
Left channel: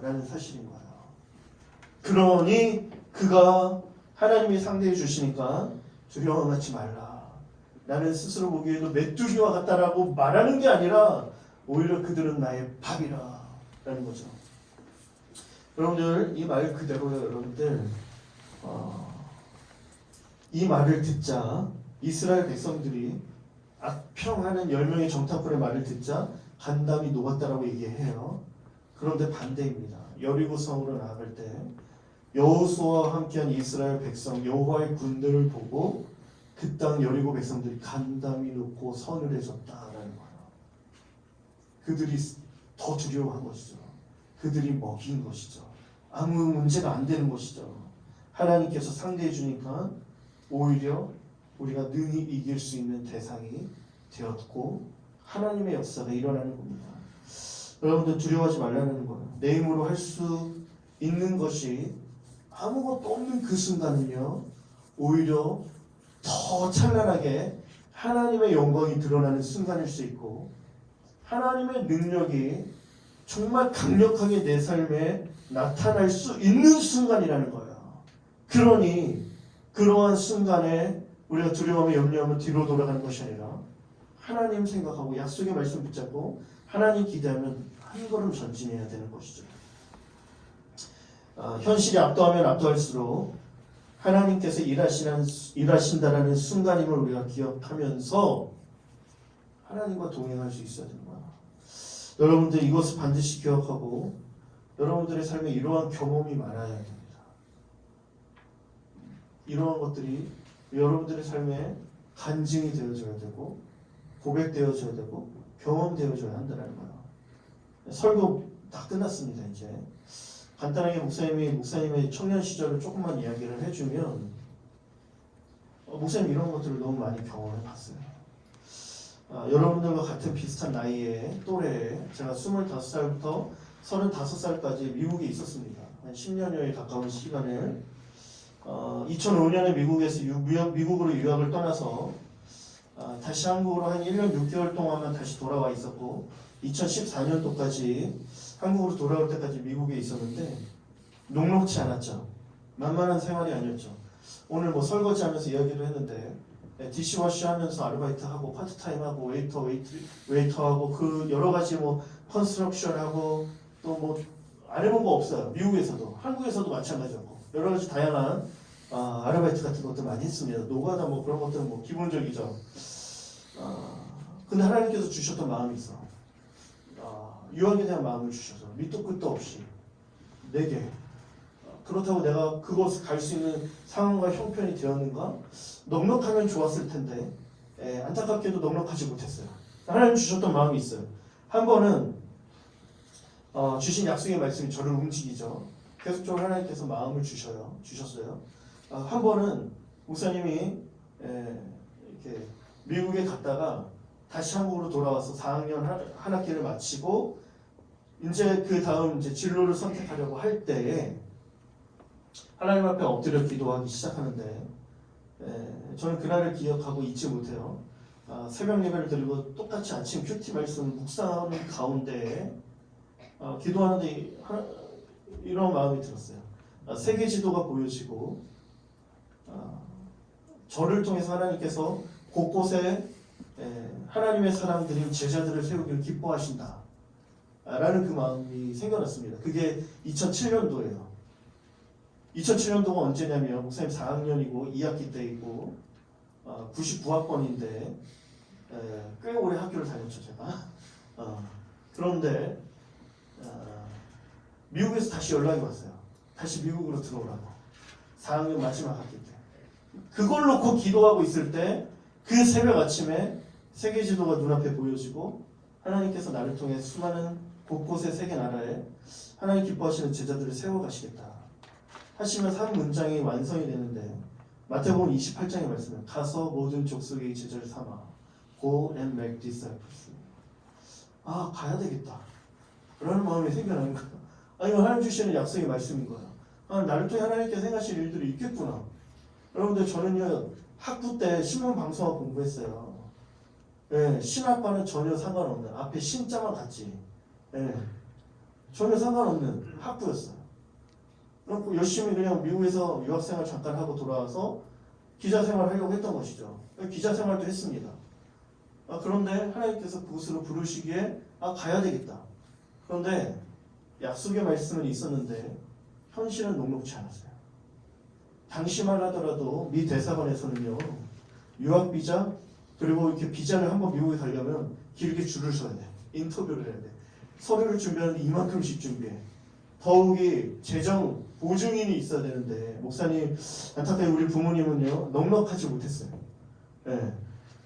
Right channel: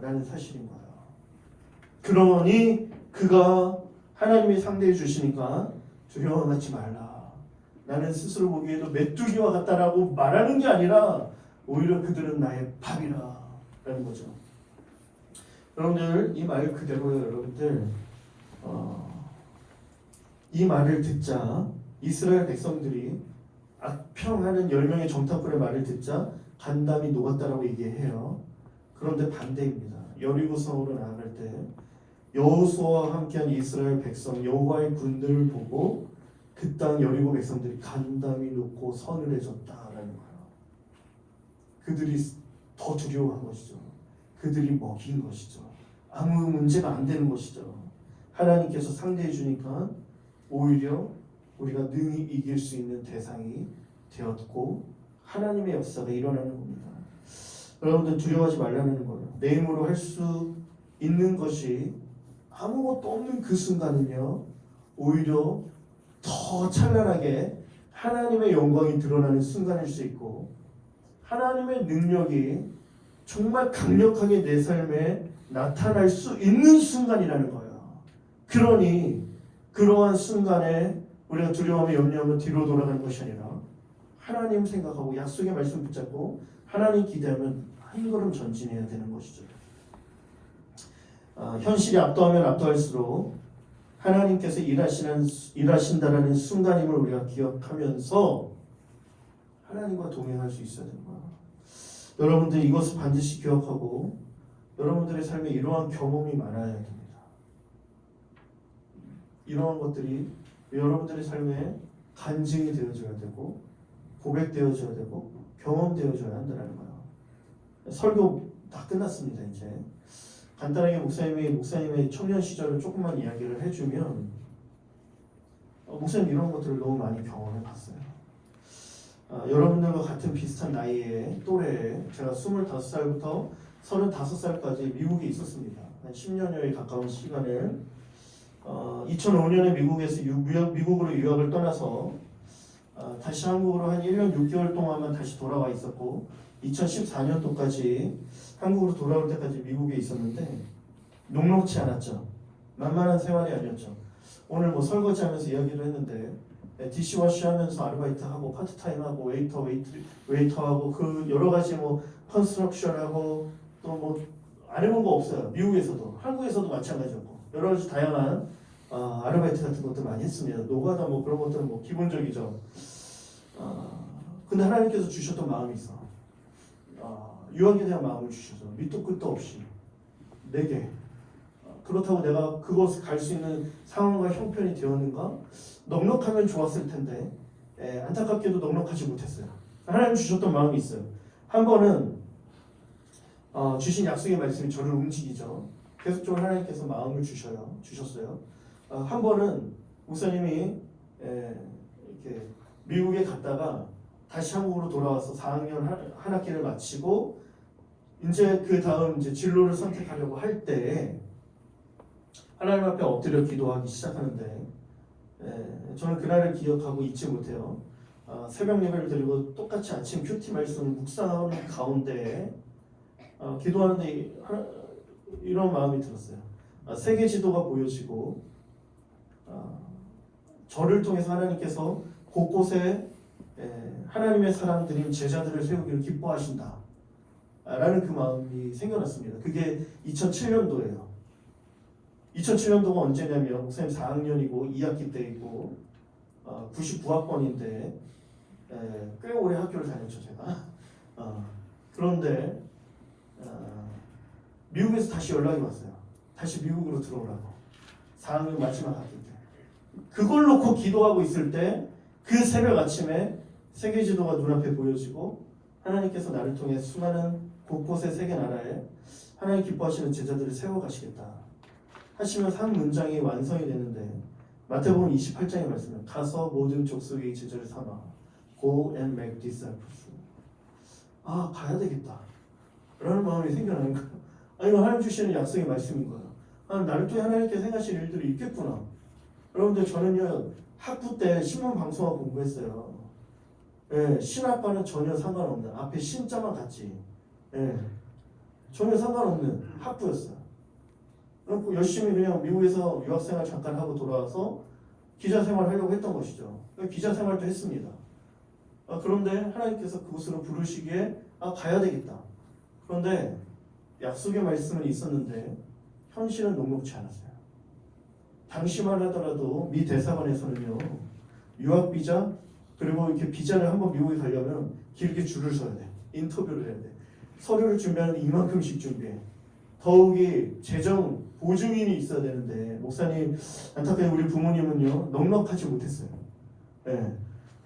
라는 사실인 거예요. 그러니 그가 하나님이 상대해 주시니까 두려워하지 말라. 나는 스스로 보기에도 메뚜기와 같다라고 말하는 게 아니라 오히려 그들은 나의 밥이라 라는 거죠. 여러분들 이 말 그대로요. 여러분들 이 말을 듣자 이스라엘 백성들이 악평하는 10명의 정탐꾼의 말을 듣자 간담이 녹았다라고 얘기해요. 그런데 반대입니다. 여리고 성으로 나아갈 때 여호수아와 함께한 이스라엘 백성 여호와의 군대를 보고 그 땅 여리고 백성들이 간담이 놓고 서늘해졌다라는 거예요. 그들이 더 두려워한 것이죠. 그들이 먹인 것이죠. 아무 문제가 안 되는 것이죠. 하나님께서 상대해 주니까 오히려 우리가 능히 이길 수 있는 대상이 되었고 하나님의 역사가 일어나는 겁니다. 여러분들 두려워하지 말라는 거예요. 내 힘으로 할 수 있는 것이 아무것도 없는 그 순간이며 오히려 더 찬란하게 하나님의 영광이 드러나는 순간일 수 있고 하나님의 능력이 정말 강력하게 내 삶에 나타날 수 있는 순간이라는 거예요. 그러니 그러한 순간에 우리가 두려움에 염려하면 뒤로 돌아가는 것이 아니라 하나님 생각하고 약속의 말씀 붙잡고 하나님 기대하면 한 걸음 전진해야 되는 것이죠. 현실이 압도하면 압도할수록 하나님께서 일하신다라는 순간임을 우리가 기억하면서 하나님과 동행할 수 있어야 됩니다. 여러분들 이것을 반드시 기억하고 여러분들의 삶에 이러한 경험이 많아야 됩니다. 이러한 것들이 여러분들의 삶에 간증이 되어져야 되고 고백되어져야 되고 경험되어져야 한다는 거예요. 설교 다 끝났습니다. 이제 간단하게 목사님의 청년 시절을 조금만 이야기를 해주면 목사님 이런 것들을 너무 많이 경험해 봤어요. 여러분들과 같은 비슷한 나이에 또래에 제가 25살부터 35살까지 미국에 있었습니다. 한 10년여에 가까운 시간을 2005년에 미국으로 유학을 떠나서 다시 한국으로 한 1년 6개월 동안만 다시 돌아와 있었고 2014년도까지 한국으로 돌아올 때까지 미국에 있었는데 녹록치 않았죠. 만만한 생활이 아니었죠. 오늘 뭐 설거지하면서 이야기를 했는데 디시워시 하면서 아르바이트하고 파트타임하고 웨이터하고 그 여러 가지 뭐 컨스트럭션하고 또 뭐 안 해본 거 없어요. 미국에서도 한국에서도 마찬가지였고 여러 가지 다양한 아르바이트 같은 것도 많이 했습니다. 노가다 뭐 그런 것들은 뭐 기본적이죠. 근데 하나님께서 주셨던 마음이 있어. 유학에 대한 마음을 주셔서 밑도 끝도 없이 내게 그렇다고 내가 그곳에 갈 수 있는 상황과 형편이 되었는가? 넉넉하면 좋았을 텐데 안타깝게도 넉넉하지 못했어요. 하나님 주셨던 마음이 있어요. 한 번은 주신 약속의 말씀이 저를 움직이죠. 계속적으로 하나님께서 마음을 주셨어요. 한 번은 목사님이 이렇게 미국에 갔다가 다시 한국으로 돌아와서 4학년 한 학기를 마치고 이제 그 다음 이제 진로를 선택하려고 할 때 하나님 앞에 엎드려 기도하기 시작하는데 저는 그날을 기억하고 잊지 못해요. 새벽 예배를 드리고 똑같이 아침 큐티 말씀을 묵상하는 가운데 기도하는데 이런 마음이 들었어요. 세계 지도가 보여지고 저를 통해서 하나님께서 곳곳에 하나님의 사람들인 제자들을 세우기를 기뻐하신다 라는 그 마음이 생겨났습니다. 그게 2007년도예요. 2007년도가 언제냐면 목사님 4학년이고 2학기 때이고 99학번인데 꽤 오래 학교를 다녔죠 제가. 그런데 미국에서 다시 연락이 왔어요. 다시 미국으로 들어오라고. 4학년 마지막 학기 때. 그걸 놓고 기도하고 있을 때 그 새벽 아침에 세계 지도가 눈앞에 보여지고 하나님께서 나를 통해 수많은 곳곳의 세계 나라에 하나님 기뻐하시는 제자들을 세워가시겠다 하시면서 한 문장이 완성이 되는데 마태복음 28장의 말씀에 가서 모든 족속의 제자를 삼아 Go and make disciples. 아 가야 되겠다 라는 마음이 생겨나는 거야. 아 이거 하나님 주시는 약속의 말씀인 거야. 아 나를 통해 하나님께 생각하실 일들이 있겠구나. 여러분들 저는요 학부 때 신문 방송학 공부했어요. 예, 신학과는 전혀 상관없는 앞에 신자만 같지. 예, 전혀 상관없는 학부였어. 그래서 열심히 그냥 미국에서 유학생활 잠깐 하고 돌아와서 기자 생활 하려고 했던 것이죠. 기자 생활도 했습니다. 아, 그런데 하나님께서 그곳으로 부르시기에 아 가야 되겠다. 그런데 약속의 말씀은 있었는데 현실은 녹록지 않았어요. 당시만 하더라도 미 대사관에서는요 유학 비자 그리고 이렇게 비자를 한번 미국에 가려면 길게 줄을 서야 돼. 인터뷰를 해야 돼. 서류를 준비하는데 이만큼씩 준비해. 더욱이 재정 보증인이 있어야 되는데 목사님 안타깝게 우리 부모님은요 넉넉하지 못했어요. 예.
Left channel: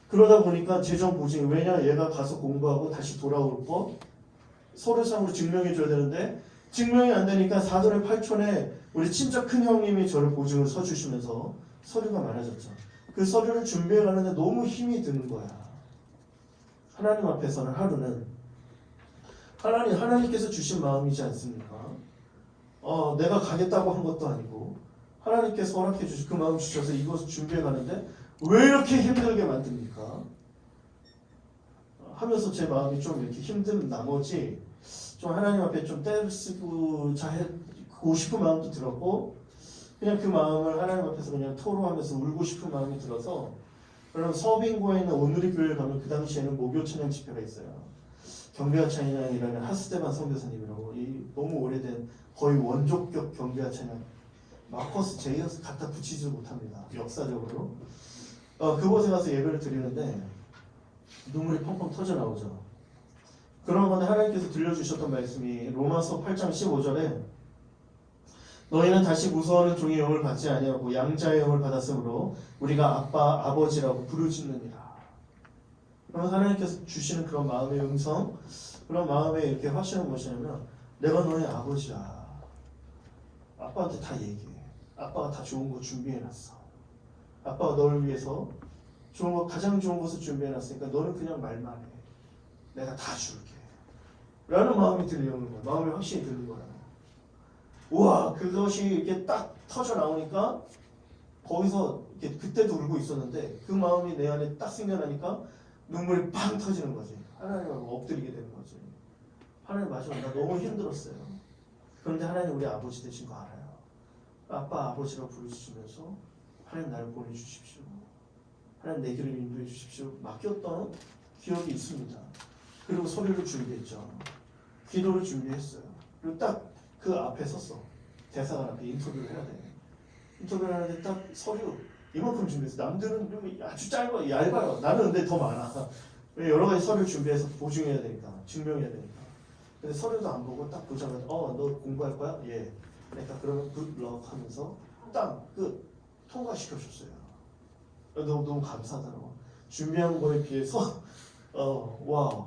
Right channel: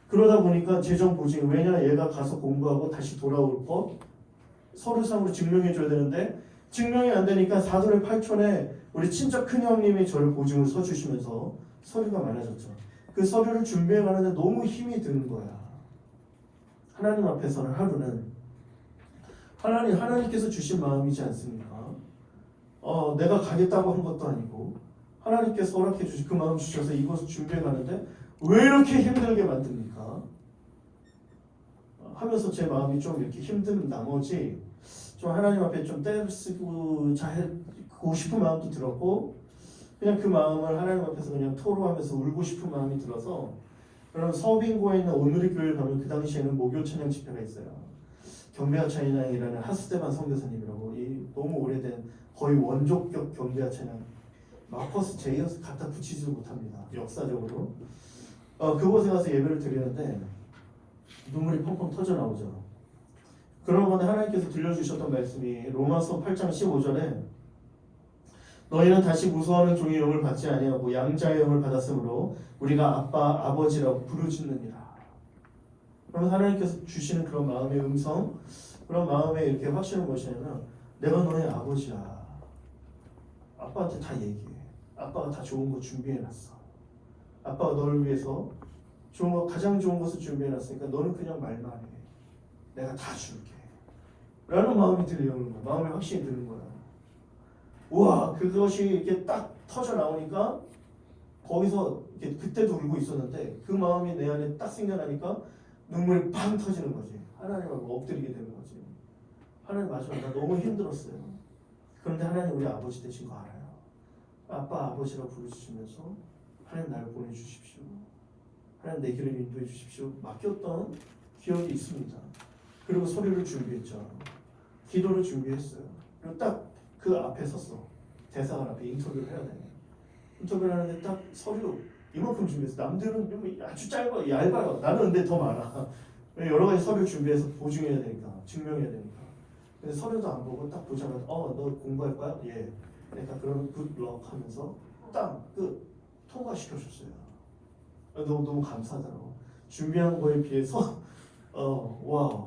그러다 보니까 재정 보증 왜냐 얘가 가서 공부하고 다시 돌아올 거 서류상으로 증명해 줘야 되는데 증명이 안 되니까 사돈의 8촌에 우리 친척 큰 형님이 저를 보증을 서주시면서 서류가 많아졌죠. 그 서류를 준비해 가는데 너무 힘이 드는 거야. 하나님 앞에서는 하루는 하나님께서 주신 마음이지 않습니까? 내가 가겠다고 한 것도 아니고 하나님께서 허락해 주신 그 마음 주셔서 이것을 준비해 가는데 왜 이렇게 힘들게 만듭니까? 하면서 제 마음이 좀 이렇게 힘든 나머지 좀 하나님 앞에 좀 떼를 쓰고 자고 싶은 마음도 들었고 그냥 그 마음을 하나님 앞에서 그냥 토로하면서 울고 싶은 마음이 들어서 그럼 서빙고에 있는 오누리 교회를 가면 그 당시에는 모교 찬양 집회가 있어요. 경배와 찬양이라는 하스데반 선교사님이라고 이 너무 오래된 거의 원조격 경배와 찬양 마커스 제이어스 갖다 붙이지도 못합니다. 역사적으로 그곳에 가서 예배를 드리는데 눈물이 펑펑 터져 나오죠. 그런 건데 하나님께서 들려주셨던 말씀이 로마서 8장 15절에 너희는 다시 무서워하는 종의 영을 받지 아니하고 양자의 영을 받았으므로 우리가 아빠 아버지라고 부르짖느니라. 그러면 하나님께서 주시는 그런 마음의 음성 그런 마음에 이렇게 확신을 보시면 내가 너의 아버지야. 아빠한테 다 얘기해. 아빠가 다 좋은 거 준비해놨어. 아빠가 너를 위해서 좋은 거 가장 좋은 것을 준비해놨으니까 너는 그냥 말만 해. 내가 다 줄게. 라는 마음이 들려오는 거야. 마음이 확신이 드는 거야. 우와 그것이 이렇게 딱 터져 나오니까 거기서 이렇게 그때도 울고 있었는데 그 마음이 내 안에 딱 생겨나니까 눈물이 팡 터지는 거지. 하나님하고 엎드리게 되는 거지. 하나님 맞아 나 너무 힘들었어요. 그런데 하나님 우리 아버지 되신 거 알아요. 아빠 아버지라고 부르시면서 하나님 나를 보내주십시오. 하나님 내 길을 인도해 주십시오. 맡겼던 기억이 있습니다. 그리고 소리를 준비했죠. 기도를 준비했어요. 그리고 딱 그 앞에 섰어. 대사관 앞에 인터뷰를 해야 돼. 인터뷰를 하는데 딱 서류 이만큼 준비했어. 남들은 좀 아주 짧아, 얇아요. 나는 근데 더 많아. 여러 가지 서류 준비해서 보증해야 되니까, 증명해야 되니까. 근데 서류도 안 보고 딱 보자마자 너 공부할 거야? 예. 그러니까 그러면 굿럭 하면서 딱 통과시켜줬어요. 너무 감사하더라고. 준비한 거에 비해서 와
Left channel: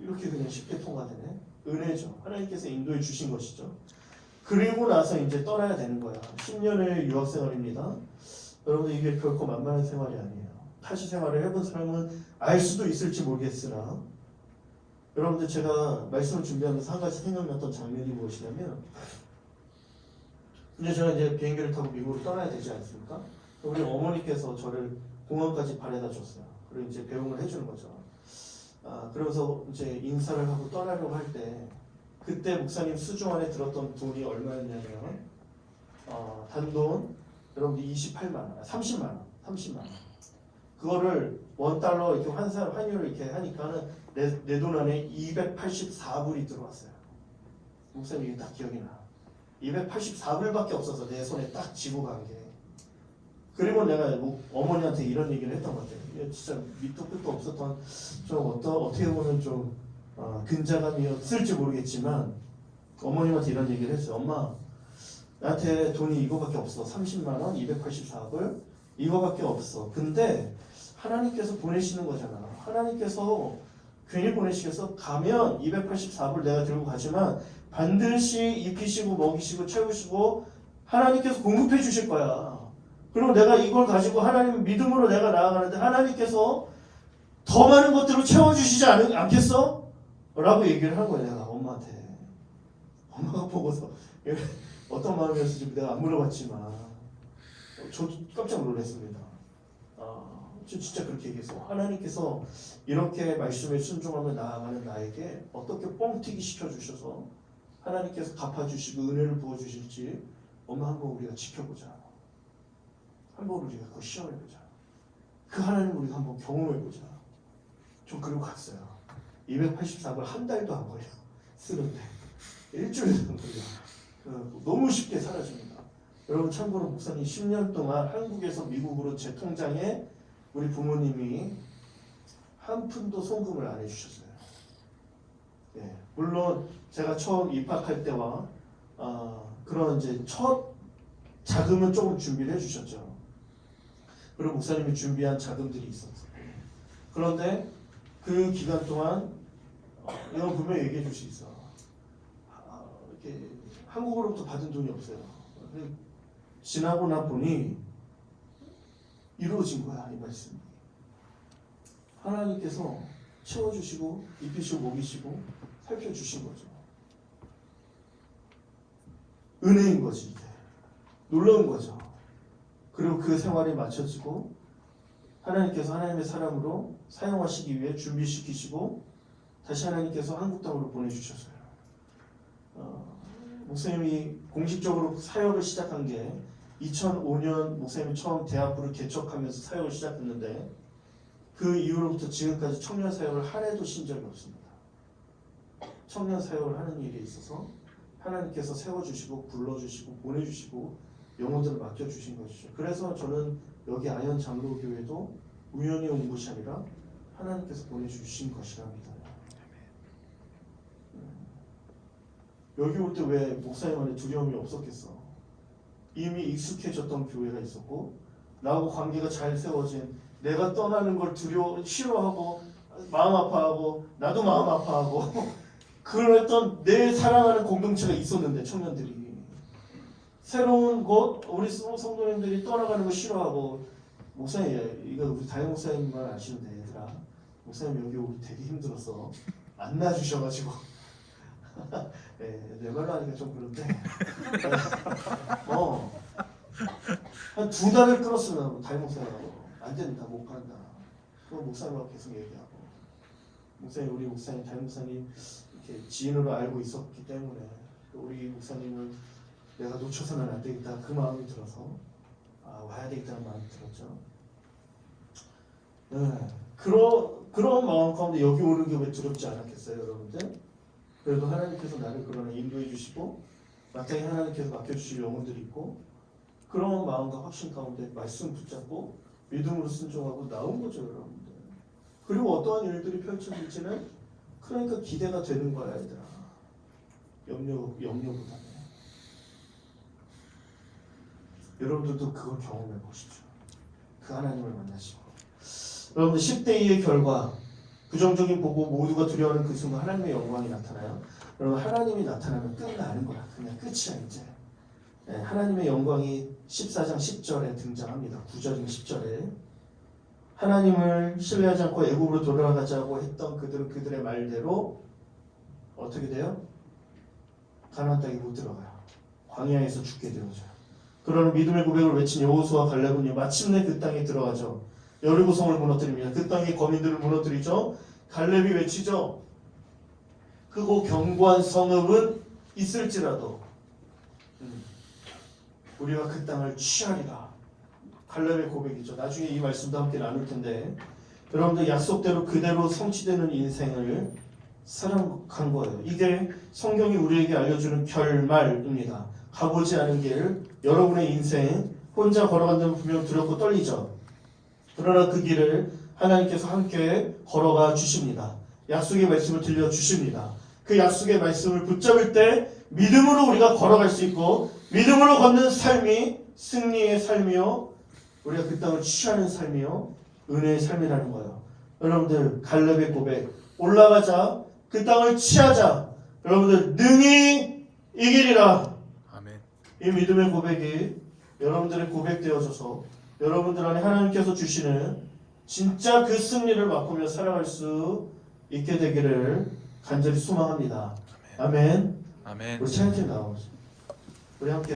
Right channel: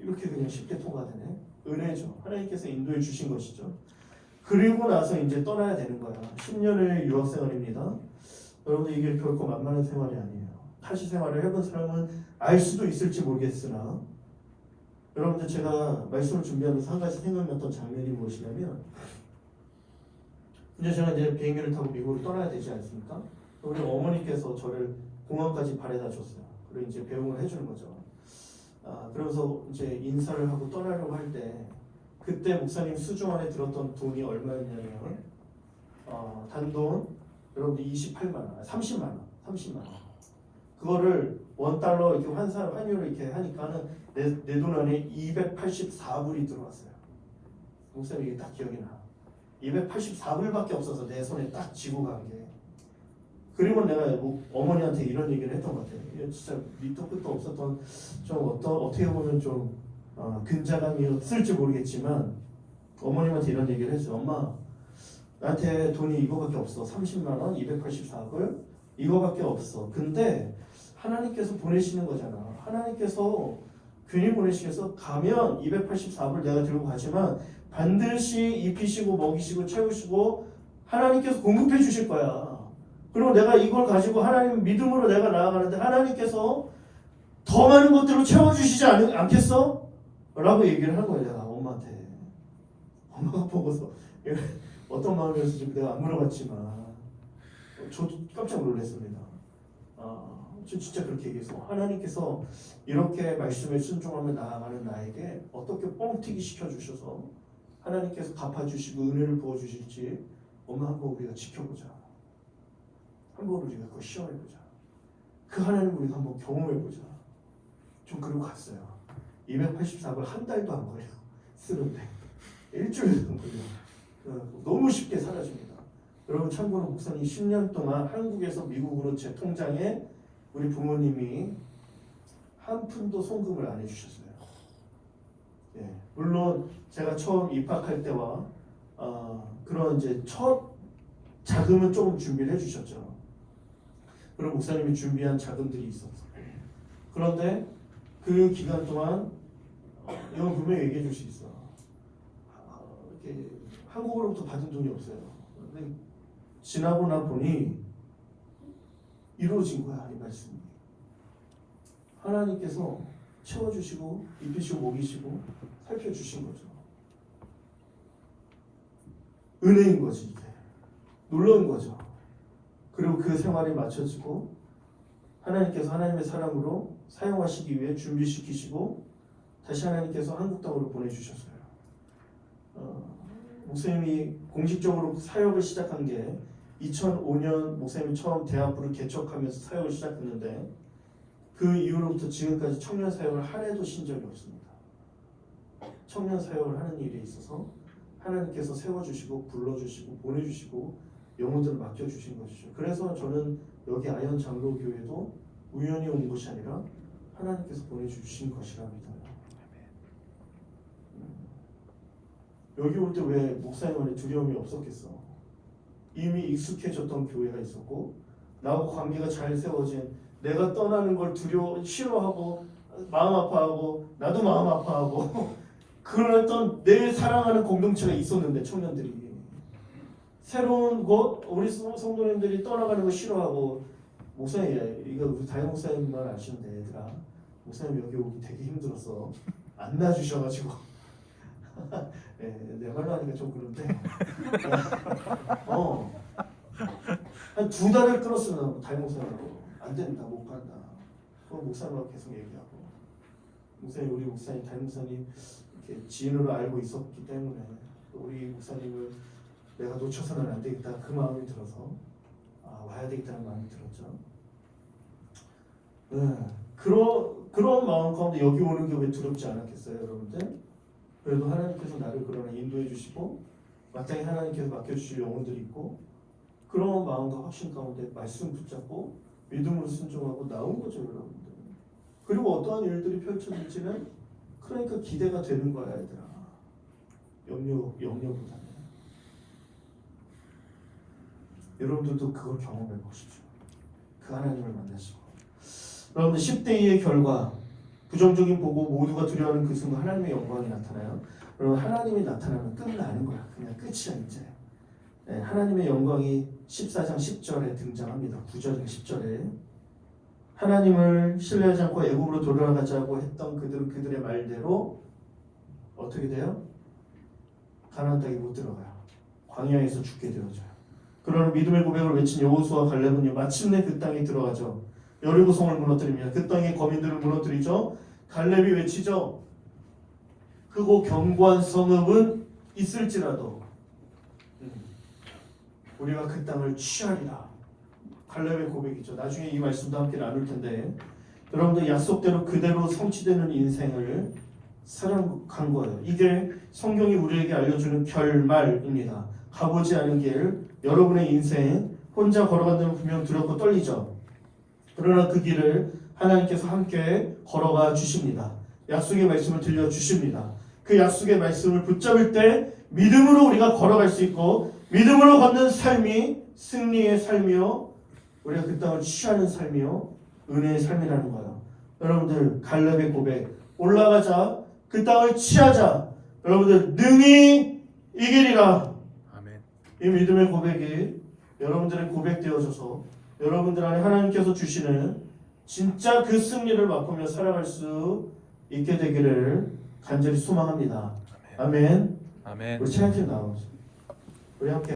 이렇게 그냥 쉽게 통과되네. 은혜죠. 하나님께서 인도해 주신 것이죠. 그리고 나서 이제 떠나야 되는 거야. 10년의 유학 생활입니다. 여러분들 이게 결코 만만한 생활이 아니에요. 타지 생활을 해본 사람은 알 수도 있을지 모르겠으나 여러분들 제가 말씀을 준비하면서 한 가지 생각났던 장면이 무엇이냐면 이제 제가 이제 비행기를 타고 미국으로 떠나야 되지 않습니까? 우리 어머니께서 저를 공항까지 바래다 줬어요. 그리고 이제 배웅을 해주는 거죠. 그러면서 이제 인사를 하고 떠나려고 할 때 그때 목사님 수중 안에 들었던 돈이 얼마였냐면 단돈 여러분들 28만 원, 30만 원. 그거를 $1 이렇게 환율을 이렇게 하니까는 내 돈 안에 284불이 들어왔어요. 목사님 이게 딱 기억이 나. 284불밖에 없어서 내 손에 딱 쥐고 간 게. 그리고 내가 어머니한테 이런 얘기를 했던 것 같아요. 진짜 밑도 끝도 없었던 좀 어떻게 보면 좀 근자감이었을지 모르겠지만 어머님한테 이런 얘기를 했어요. 엄마 나한테 돈이 이거밖에 없어. 30만 원, 284불 이거밖에 없어. 근데 하나님께서 보내시는 거잖아. 하나님께서 괜히 보내시겠어? 가면 284불 내가 들고 가지만 반드시 입히시고 먹이시고 채우시고 하나님께서 공급해 주실 거야. 그리고 내가 이걸 가지고 하나님 믿음으로 내가 나아가는데 하나님께서 더 많은 것들로 채워주시지 않겠어? 라고 얘기를 한 거야 내가 엄마한테. 엄마가 보고서 어떤 마음이었을지 내가 안 물어봤지만 저도 깜짝 놀랐습니다. 저 진짜 그렇게 얘기했어. 하나님께서 이렇게 말씀에 순종하며 나아가는 나에게 어떻게 뻥튀기 시켜주셔서 하나님께서 갚아주시고 은혜를 부어주실지 엄마 한번 우리가 지켜보자. 한번 우리가 그거 시험해보자. 그 하나님을 우리가 한번 경험해보자. 좀 그러고 갔어요. 284걸 한 달도 안 걸려. 쓰는데 일주일도 안 걸려. 너무 쉽게 사라집니다. 여러분 참고로 목사님 10년 동안 한국에서 미국으로 제 통장에 우리 부모님이 한 푼도 송금을 안 해주셨어요. 예, 물론 제가 처음 입학할 때와 그런 이제 첫 자금은 조금 준비를 해주셨죠. 그리고 목사님이 준비한 자금들이 있었고 그런데 그 기간 동안 이건 분명히 얘기해 줄 수 있어. 이렇게 한국으로부터 받은 돈이 없어요. 근데 지나고 나 보니 이루어진 거야 이 말씀이. 하나님께서 채워주시고 입히시고 먹이시고 살펴주신 거죠. 은혜인 거지 이게. 놀라운 거죠. 그리고 그 생활이 맞춰지고 하나님께서 하나님의 사람으로 사용하시기 위해 준비시키시고 다시 하나님께서 한국 땅으로 보내주셨어요. 목사님이 공식적으로 사역을 시작한 게 2005년 목사님이 처음 대학부를 개척하면서 사역을 시작했는데 그 이후로부터 지금까지 청년 사역을 한 해도 쉰 적이 없습니다. 청년 사역을 하는 일에 있어서 하나님께서 세워주시고 불러주시고 보내주시고 영혼들을 맡겨주신 것이죠. 그래서 저는 여기 아현 장로교회도 우연히 온 것이 아니라 하나님께서 보내주신 것이라 믿어요. 여기 올 때 왜 목사님 안에 두려움이 없었겠어? 이미 익숙해졌던 교회가 있었고 나하고 관계가 잘 세워진 내가 떠나는 걸 싫어하고 마음 아파하고 나도 마음 아파하고 그랬던 내 사랑하는 공동체가 있었는데 청년들이 새로운 곳 우리 성도님들이 떠나가는 거 싫어하고 목사님 이거 우리 다혜 목사님만 아시는데 얘들아 목사님 여기 오기 되게 힘들었어 안 놔주셔가지고 네, 내 말로 하니까 좀 그런데 한 2달을 끌었으면 다혜 목사님하고 안 된다 못 간다 그럼 목사님하고 계속 얘기하고 목사님 우리 목사님 다혜 목사님 이렇게 지인으로 알고 있었기 때문에 우리 목사님을 내가 놓쳐서는 안 되겠다 그 마음이 들어서 와야 되겠다는 마음이 들었죠. 네, 그런 마음 가운데 여기 오는 게 왜 두렵지 않았겠어요 여러분들? 그래도 하나님께서 나를 그러나 인도해 주시고 마땅히 하나님께서 맡겨주실 영혼들이 있고 그런 마음과 확신 가운데 말씀 붙잡고 믿음으로 순종하고 나온 거죠 여러분들. 그리고 어떠한 일들이 펼쳐질지는 그러니까 기대가 되는 거야 얘들아. 염려보다는 여러분들도 그걸 경험해 보십시오. 그 하나님을 만나시고 여러분들 10대2의 결과 부정적인 보고 모두가 두려워하는 그 순간 하나님의 영광이 나타나요. 여러분 하나님이 나타나면 끝나는 거야. 그냥 끝이야 이제. 네, 하나님의 영광이 14장 10절에 등장합니다. 9절인 10절에 하나님을 신뢰하지 않고 애굽으로 돌아가자고 했던 그들은 그들의 말대로 어떻게 돼요? 가나안 땅에 못 들어가요. 광야에서 죽게 되어져요. 그러나 믿음의 고백을 외친 여호수아와 갈렙은 마침내 그 땅에 들어가죠. 여리고성을 무너뜨립니다. 그 땅의 거민들을 무너뜨리죠. 갈렙이 외치죠. 크고 견고한 성읍은 있을지라도 우리가 그 땅을 취하리라. 갈렙의 고백이죠. 나중에 이 말씀도 함께 나눌 텐데 여러분들 약속대로 그대로 성취되는 인생을 살아간 거예요. 이게 성경이 우리에게 알려주는 결말입니다. 가보지 않은 길, 여러분의 인생 혼자 걸어간다면 분명 두렵고 떨리죠. 그러나 그 길을 하나님께서 함께 걸어가 주십니다. 약속의 말씀을 들려주십니다. 그 약속의 말씀을 붙잡을 때 믿음으로 우리가 걸어갈 수 있고 믿음으로 걷는 삶이 승리의 삶이요 우리가 그 땅을 취하는 삶이요 은혜의 삶이라는 거예요. 여러분들 갈렙의 고백 올라가자 그 땅을 취하자 여러분들 능히 이기리라. 아멘. 이 믿음의 고백이 여러분들의 고백되어져서 여러분들 안에 하나님께서 주시는 진짜 그 승리를 맛보며 살아갈 수 있게 되기를 간절히 소망합니다. 아멘. 아멘. 우리 찬양팀 나오죠. 우리 함께